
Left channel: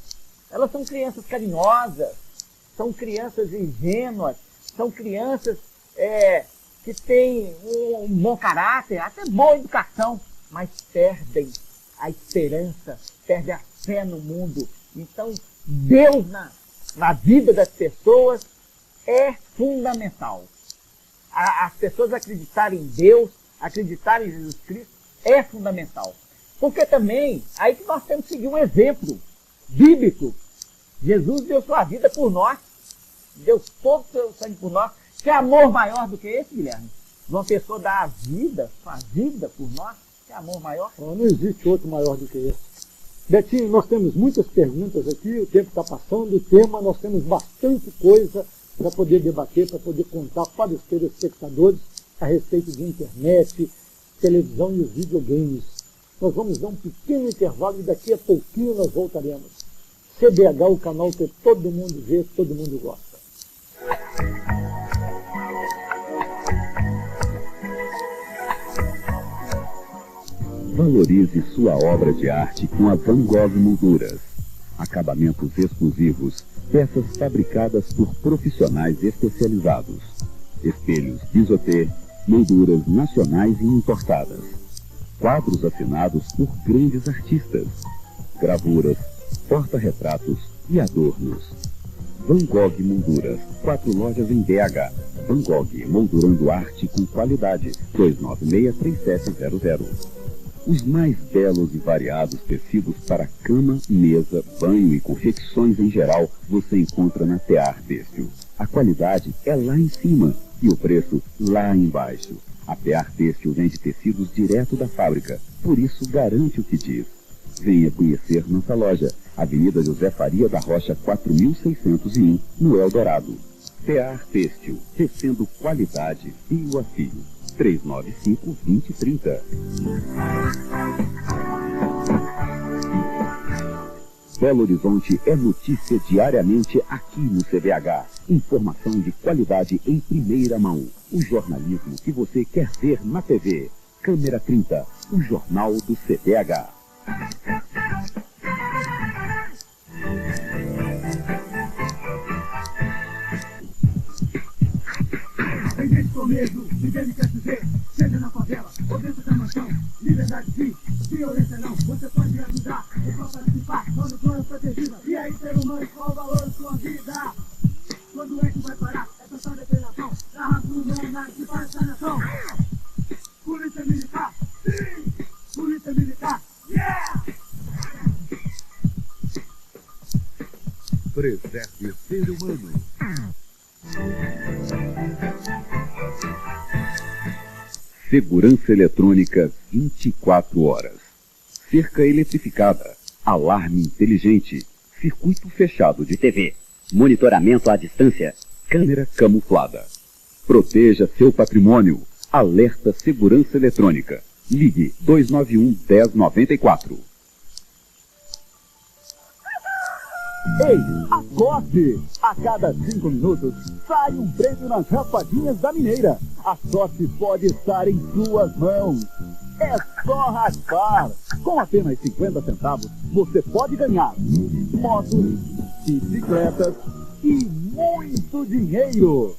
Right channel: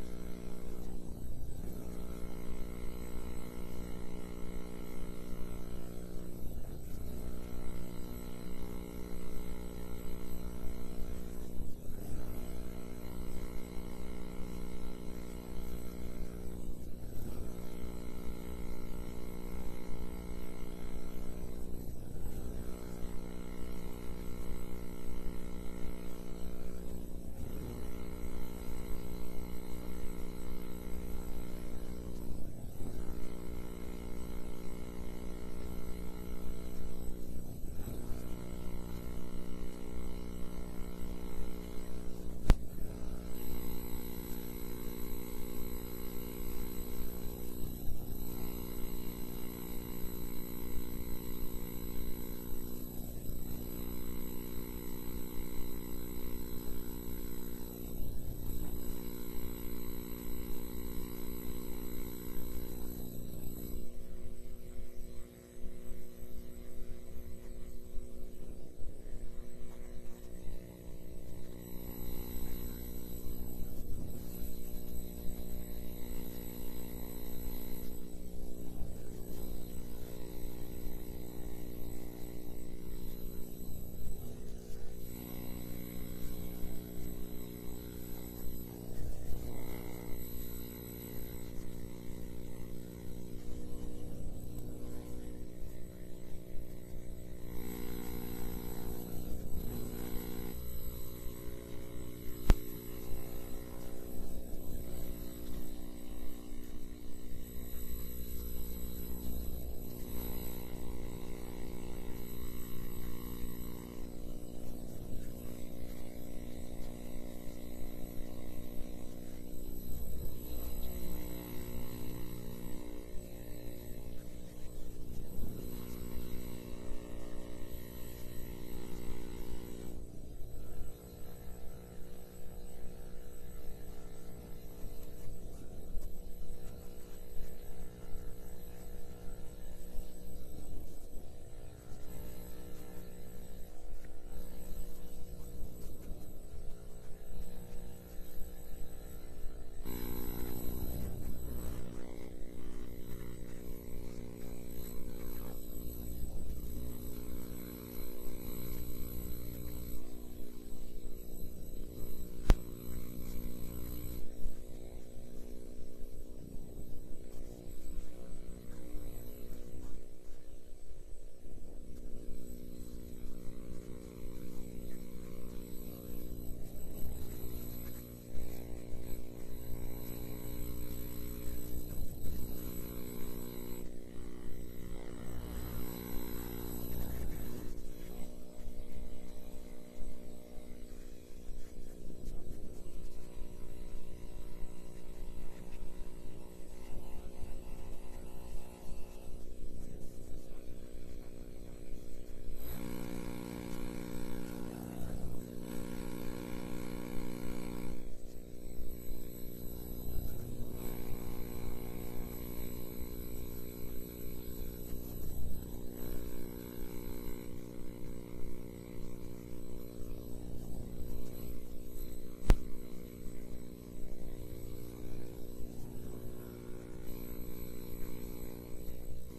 elas são crianças carinhosas, são crianças ingênuas, são crianças que têm um bom caráter, até boa educação, mas perdem a esperança, perdem a fé no mundo. Então, Deus na vida das pessoas é fundamental. As pessoas acreditarem em Deus, acreditarem em Jesus Cristo, é fundamental. Porque também, aí que nós temos que seguir um exemplo bíblico. Jesus deu sua vida por nós. deu todo o seu sangue por nós. Que amor maior do que esse, Guilherme? Uma pessoa dá a vida por nós, que amor maior? Não existe outro maior do que esse. Betinho, nós temos muitas perguntas aqui, o tempo está passando, o tema, nós temos bastante coisa para poder debater, para poder contar para os telespectadores a respeito de internet, televisão e os videogames. Nós vamos dar um pequeno intervalo e daqui a pouquinho nós voltaremos. CBH, o canal que todo mundo vê, todo mundo gosta. Valorize sua obra de arte com a Van Gogh Molduras. Acabamentos exclusivos, peças fabricadas por profissionais especializados. Espelhos Bisotê, molduras nacionais e importadas. Quadros assinados por grandes artistas. Gravuras, porta-retratos e adornos. Van Gogh Molduras, 4 lojas em BH. Van Gogh, moldurando arte com qualidade. 296-3700. Os mais belos e variados tecidos para cama, mesa, banho e confecções em geral você encontra na Tear Têxtil. A qualidade é lá em cima e o preço lá embaixo. A Tear Têxtil vende tecidos direto da fábrica, por isso garante o que diz. Venha conhecer nossa loja, Avenida José Faria da Rocha 4601, no Eldorado. Tear Têxtil, tecendo qualidade fio a fio. 395-2030. Belo Horizonte é notícia diariamente aqui no CBH. Informação de qualidade em primeira mão. O jornalismo que você quer ver na TV. Câmera 30, o jornal do CBH. Tem gente com medo, ninguém quer viver, seja na favela ou dentro da mansão. Liberdade sim, violência não, você pode ajudar, é só participar, quando plano protegida. E aí, ser humano, qual o valor da sua vida? Quando é que vai parar essa só depredação da raça humana que faz a nação? Polícia militar, sim, polícia militar, yeah! Preserve o ser humano. Segurança eletrônica 24 horas. Cerca eletrificada. Alarme inteligente. Circuito fechado de TV. Monitoramento à distância. Câmera camuflada. Proteja seu patrimônio. Alerta Segurança Eletrônica. Ligue 291-1094. Ei, acorde! A cada 5 minutos sai um prêmio nas raspadinhas da Mineira. A sorte pode estar em suas mãos. É só raspar. Com apenas 50 centavos, você pode ganhar motos, bicicletas e muito dinheiro.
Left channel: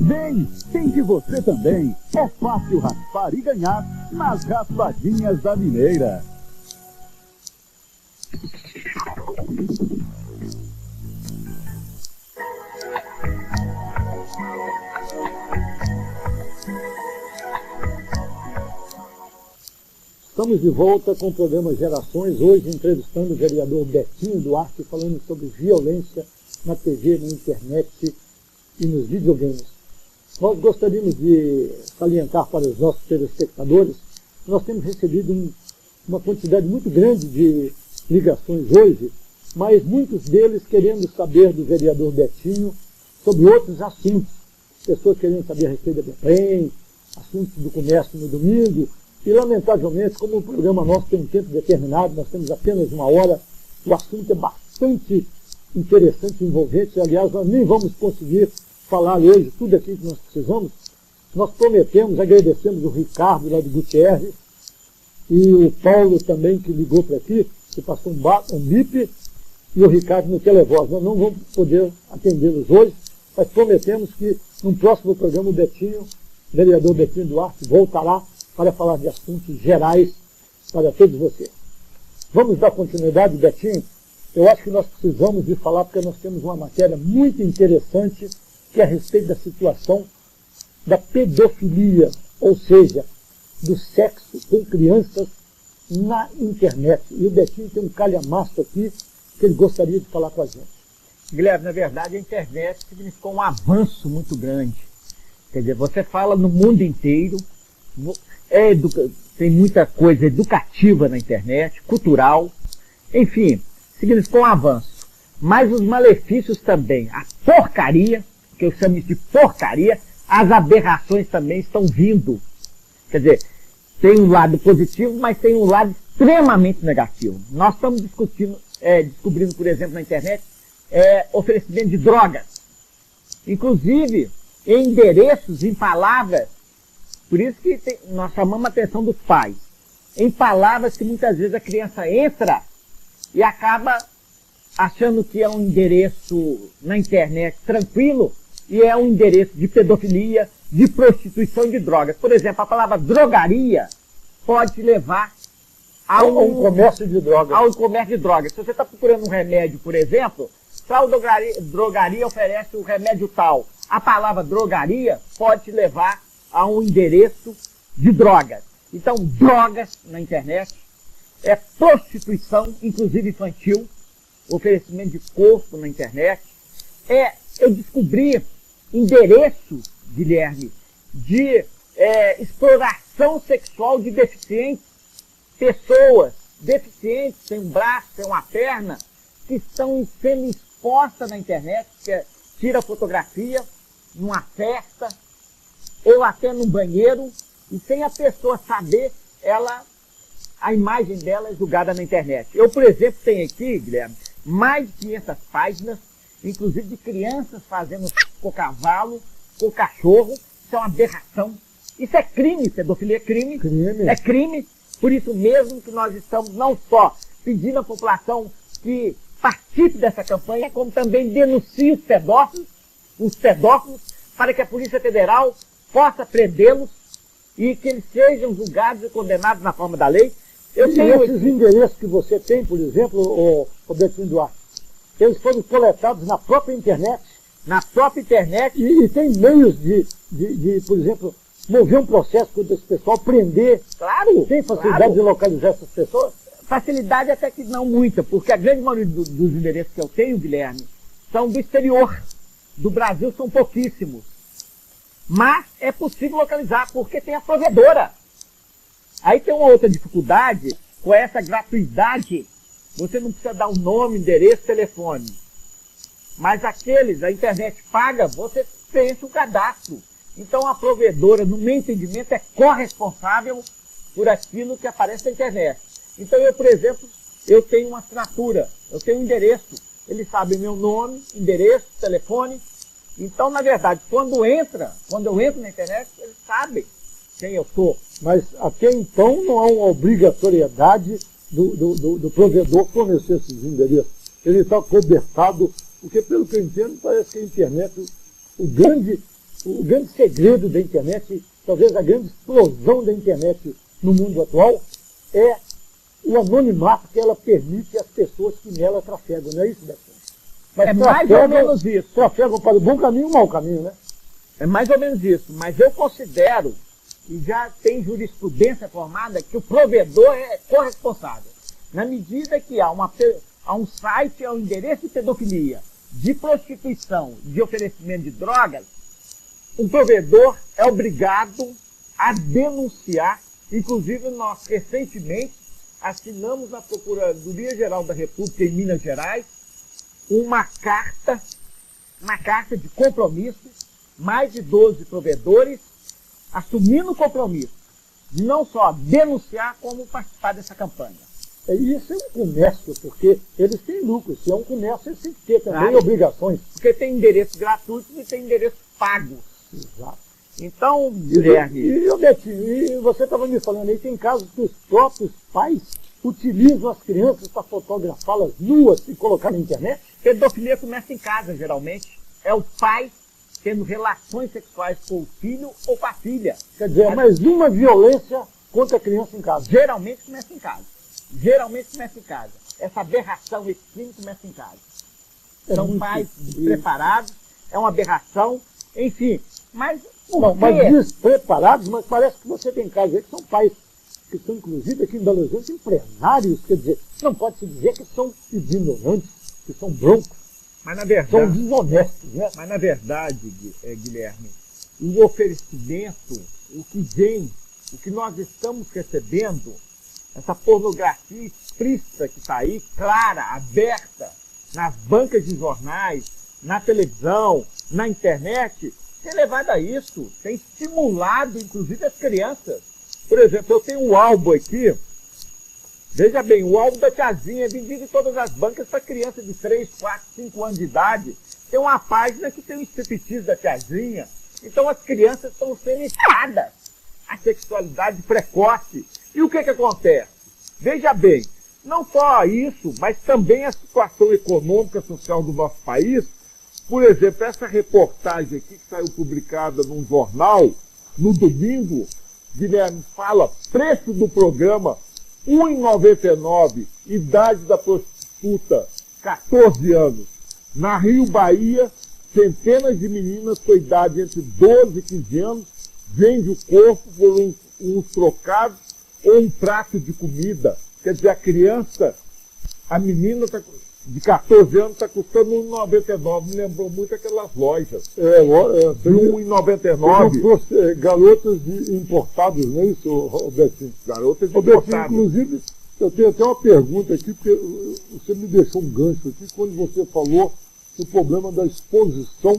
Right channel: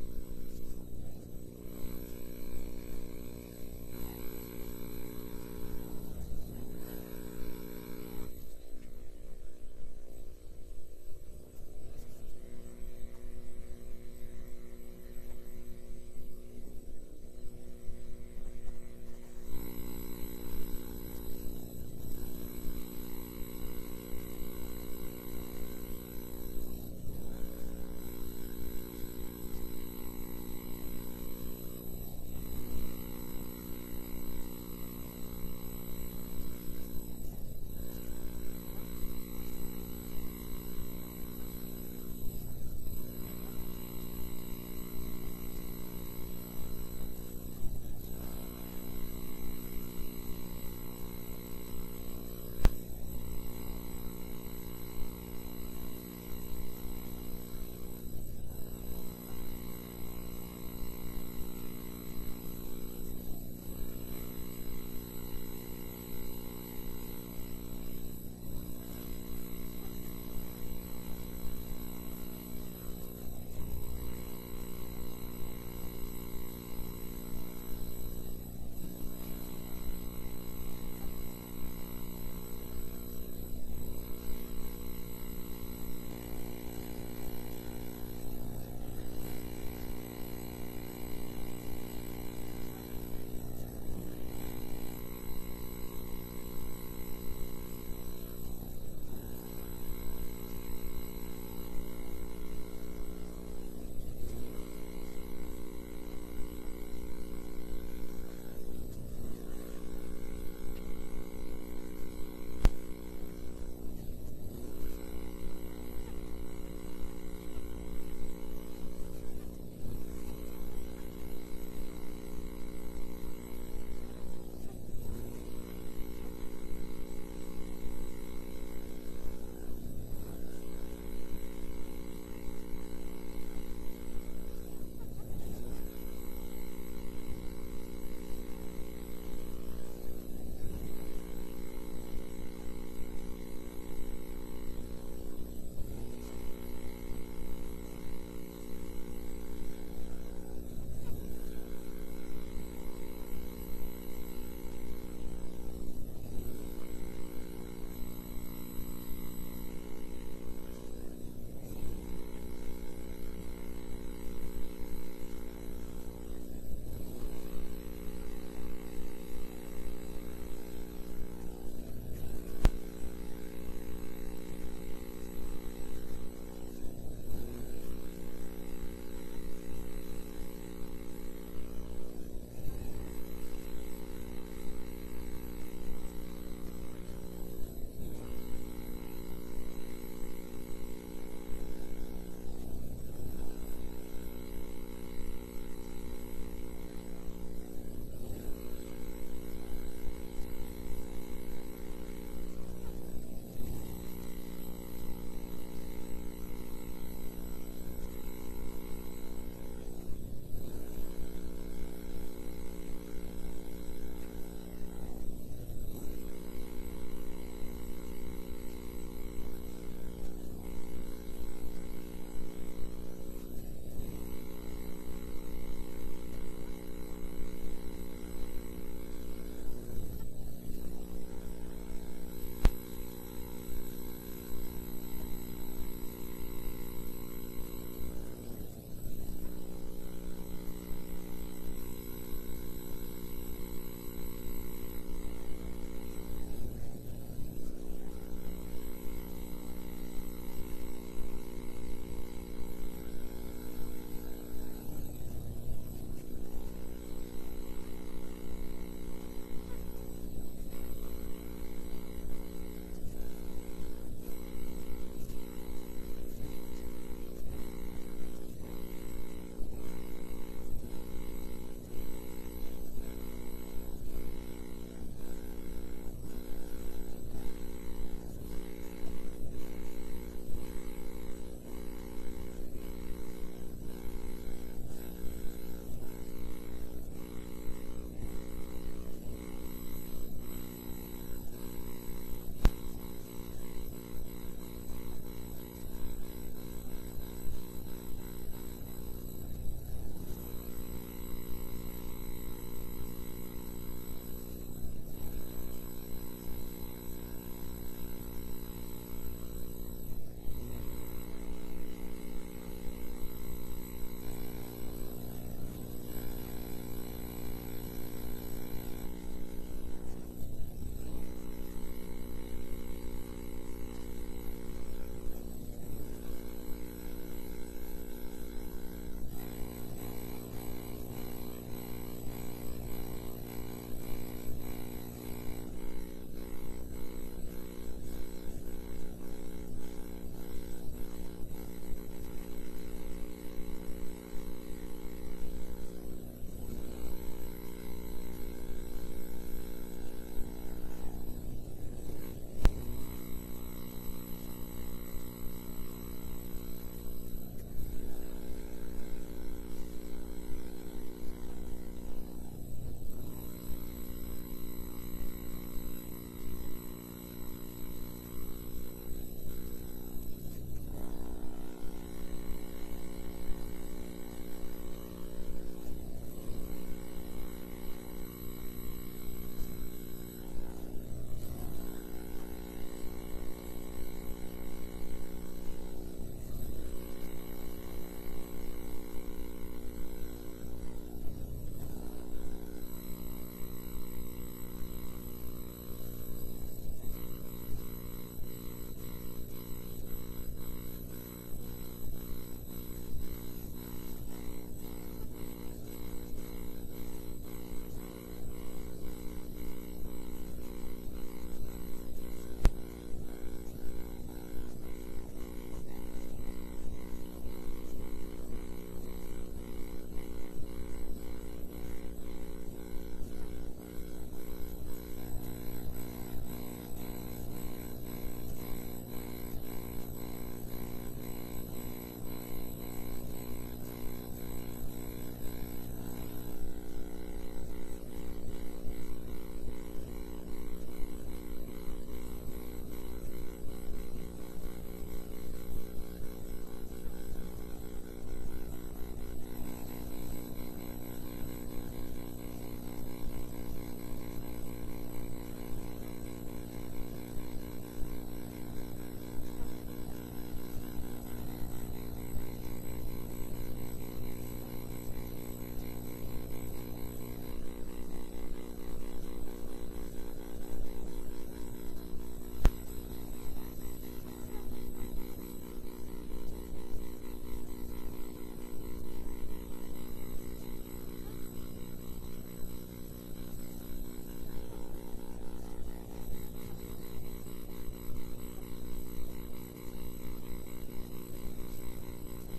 Vem, tente você também. É fácil raspar e ganhar nas raspadinhas da Mineira. Estamos de volta com o programa Gerações, hoje entrevistando o vereador Betinho Duarte, falando sobre violência na TV, na internet e nos videogames. Nós gostaríamos de salientar para os nossos telespectadores que nós temos recebido uma quantidade muito grande de ligações hoje, mas muitos deles querendo saber do vereador Betinho sobre outros assuntos. Pessoas querendo saber a respeito da Betrem, assuntos do comércio no domingo. E, lamentavelmente, como o programa nosso tem um tempo determinado, nós temos apenas 1 hora, o assunto é bastante interessante e envolvente. Aliás, nós nem vamos conseguir falar hoje tudo aquilo que nós precisamos. Nós prometemos, agradecemos o Ricardo lá de Gutierrez e o Paulo também, que ligou para aqui, que passou um bip, e o Ricardo no televoz. Nós não vamos poder atendê-los hoje, mas prometemos que no próximo programa o vereador Betinho Duarte voltará para falar de assuntos gerais para todos vocês. Vamos dar continuidade, Betinho? Eu acho que nós precisamos de falar, porque nós temos uma matéria muito interessante, que é a respeito da situação da pedofilia, ou seja, do sexo com crianças na internet. E o Betinho tem um calhamaço aqui, que ele gostaria de falar com a gente. Guilherme, na verdade a internet significou um avanço muito grande. Quer dizer, você fala no mundo inteiro, tem muita coisa educativa na internet, cultural, enfim, significou um avanço. Mas os malefícios também, a porcaria, que eu chamo de porcaria, as aberrações também estão vindo. Quer dizer, tem um lado positivo, mas tem um lado extremamente negativo. Nós estamos descobrindo, por exemplo, na internet, oferecimento de drogas. Inclusive, em endereços, em palavras. Por isso que nós chamamos a atenção dos pais. Em palavras que muitas vezes a criança entra e acaba achando que é um endereço na internet tranquilo e é um endereço de pedofilia, de prostituição e de drogas. Por exemplo, a palavra drogaria pode levar a um comércio de drogas. Ao comércio de drogas. Se você está procurando um remédio, por exemplo, tal drogaria oferece o remédio tal. A palavra drogaria pode te levar a um endereço de drogas. Então, drogas na internet é prostituição, inclusive infantil, oferecimento de corpo na internet. Eu descobri endereços, Guilherme, de exploração sexual de deficientes, pessoas deficientes, sem um braço, sem uma perna, que estão sendo expostas na internet, que tira fotografia numa festa ou até num banheiro, e sem a pessoa saber, a imagem dela é julgada na internet. Eu, por exemplo, tenho aqui, Guilherme, mais de 500 páginas, inclusive de crianças fazendo com cavalo, com cachorro. Isso é uma aberração. Isso é crime, pedofilia é crime. É crime. Por isso mesmo que nós estamos não só pedindo à população que participe dessa campanha, como também denuncie os pedófilos, para que a Polícia Federal possa prendê-los e que eles sejam julgados e condenados na forma da lei. Esses endereços que você tem, por exemplo, Robertinho Duarte, eles foram coletados na própria internet. Na própria internet. E tem meios de, por exemplo, mover um processo contra esse pessoal, prender. Claro. Tem facilidade de localizar essas pessoas? Facilidade até que não muita, porque a grande maioria dos endereços que eu tenho, Guilherme, são do exterior. Do Brasil são pouquíssimos. Mas é possível localizar, porque tem a provedora. Aí tem uma outra dificuldade, com essa gratuidade, você não precisa dar o nome, endereço, telefone. Mas a internet paga, você preenche o cadastro. Então a provedora, no meu entendimento, é corresponsável por aquilo que aparece na internet. Então eu, por exemplo, eu tenho uma assinatura, eu tenho um endereço. Eles sabem meu nome, endereço, telefone. Então, na verdade, quando eu entro na internet, eles sabem quem eu sou. Mas até então não há uma obrigatoriedade do provedor fornecer esses endereços. Ele está cobertado, porque pelo que eu entendo, parece que a internet, o grande segredo da internet, talvez a grande explosão da internet no mundo atual, é o anonimato que ela permite às pessoas que nela trafegam, não é isso, Beto? Mas mais ou menos isso. Trafegam para o bom caminho ou o mau caminho, né? É mais ou menos isso. Mas eu considero, e já tem jurisprudência formada, que o provedor é corresponsável. Na medida que há um site, há um endereço de pedofilia, de prostituição, de oferecimento de drogas, o provedor é obrigado a denunciar. Inclusive, nós recentemente assinamos na Procuradoria-Geral da República em Minas Gerais uma carta de compromisso, mais de 12 provedores assumindo o compromisso de não só denunciar, como participar dessa campanha. Isso é um comércio, porque eles têm lucro. Se é um comércio, eles têm que ter também obrigações. Porque tem endereços gratuitos e tem endereços pagos. Exato. Então, Guilherme... E Betinho, você estava me falando aí, tem casos que os próprios pais utilizam as crianças para fotografá-las nuas e colocar na internet? Pedofilia começa em casa, geralmente. É o pai tendo relações sexuais com o filho ou com a filha. Quer dizer, mais uma violência contra a criança em casa. Geralmente começa em casa. Geralmente começa em casa. Essa aberração, esse crime começa em casa. São pais despreparados, é uma aberração, enfim. Mas despreparados, mas parece que você tem casos aí que são pais que são, inclusive, aqui em Belo Horizonte, empresários. Quer dizer, não pode se dizer que são ignorantes, que são broncos. Mas na São verdade, desonestos, né? mas na verdade, Guilherme, o oferecimento, o que vem, o que nós estamos recebendo, essa pornografia explícita que está aí, clara, aberta, nas bancas de jornais, na televisão, na internet, tem levado a isso, tem estimulado, inclusive, as crianças. Por exemplo, eu tenho um álbum aqui, veja bem, o álbum da tiazinha é vendido em todas as bancas para criança de 3, 4, 5 anos de idade. Tem uma página que tem o striptease da tiazinha. Então as crianças estão sendo iniciadas à sexualidade precoce. E o que acontece? Veja bem, não só isso, mas também a situação econômica e social do nosso país. Por exemplo, essa reportagem aqui que saiu publicada num jornal, no domingo, Guilherme, fala preço do programa R$ 1,99, idade da prostituta, 14 anos. Na Rio Bahia, centenas de meninas com idade entre 12 e 15 anos vendem o corpo por uns trocados ou um prato de comida. Quer dizer, a criança, a menina de 14 anos está custando R$ 1,99. Me lembrou muito aquelas lojas. De R$ 1,99. Garotas importadas, não é isso, Robertinho? Garotas Robertinho, importadas. inclusive, eu tenho até uma pergunta aqui, porque você me deixou um gancho aqui, quando você falou do problema da exposição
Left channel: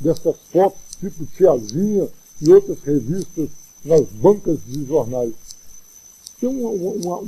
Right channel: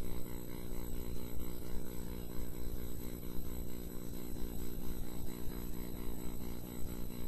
dessas fotos, tipo Tiazinha e outras revistas nas bancas de jornais. Tem uma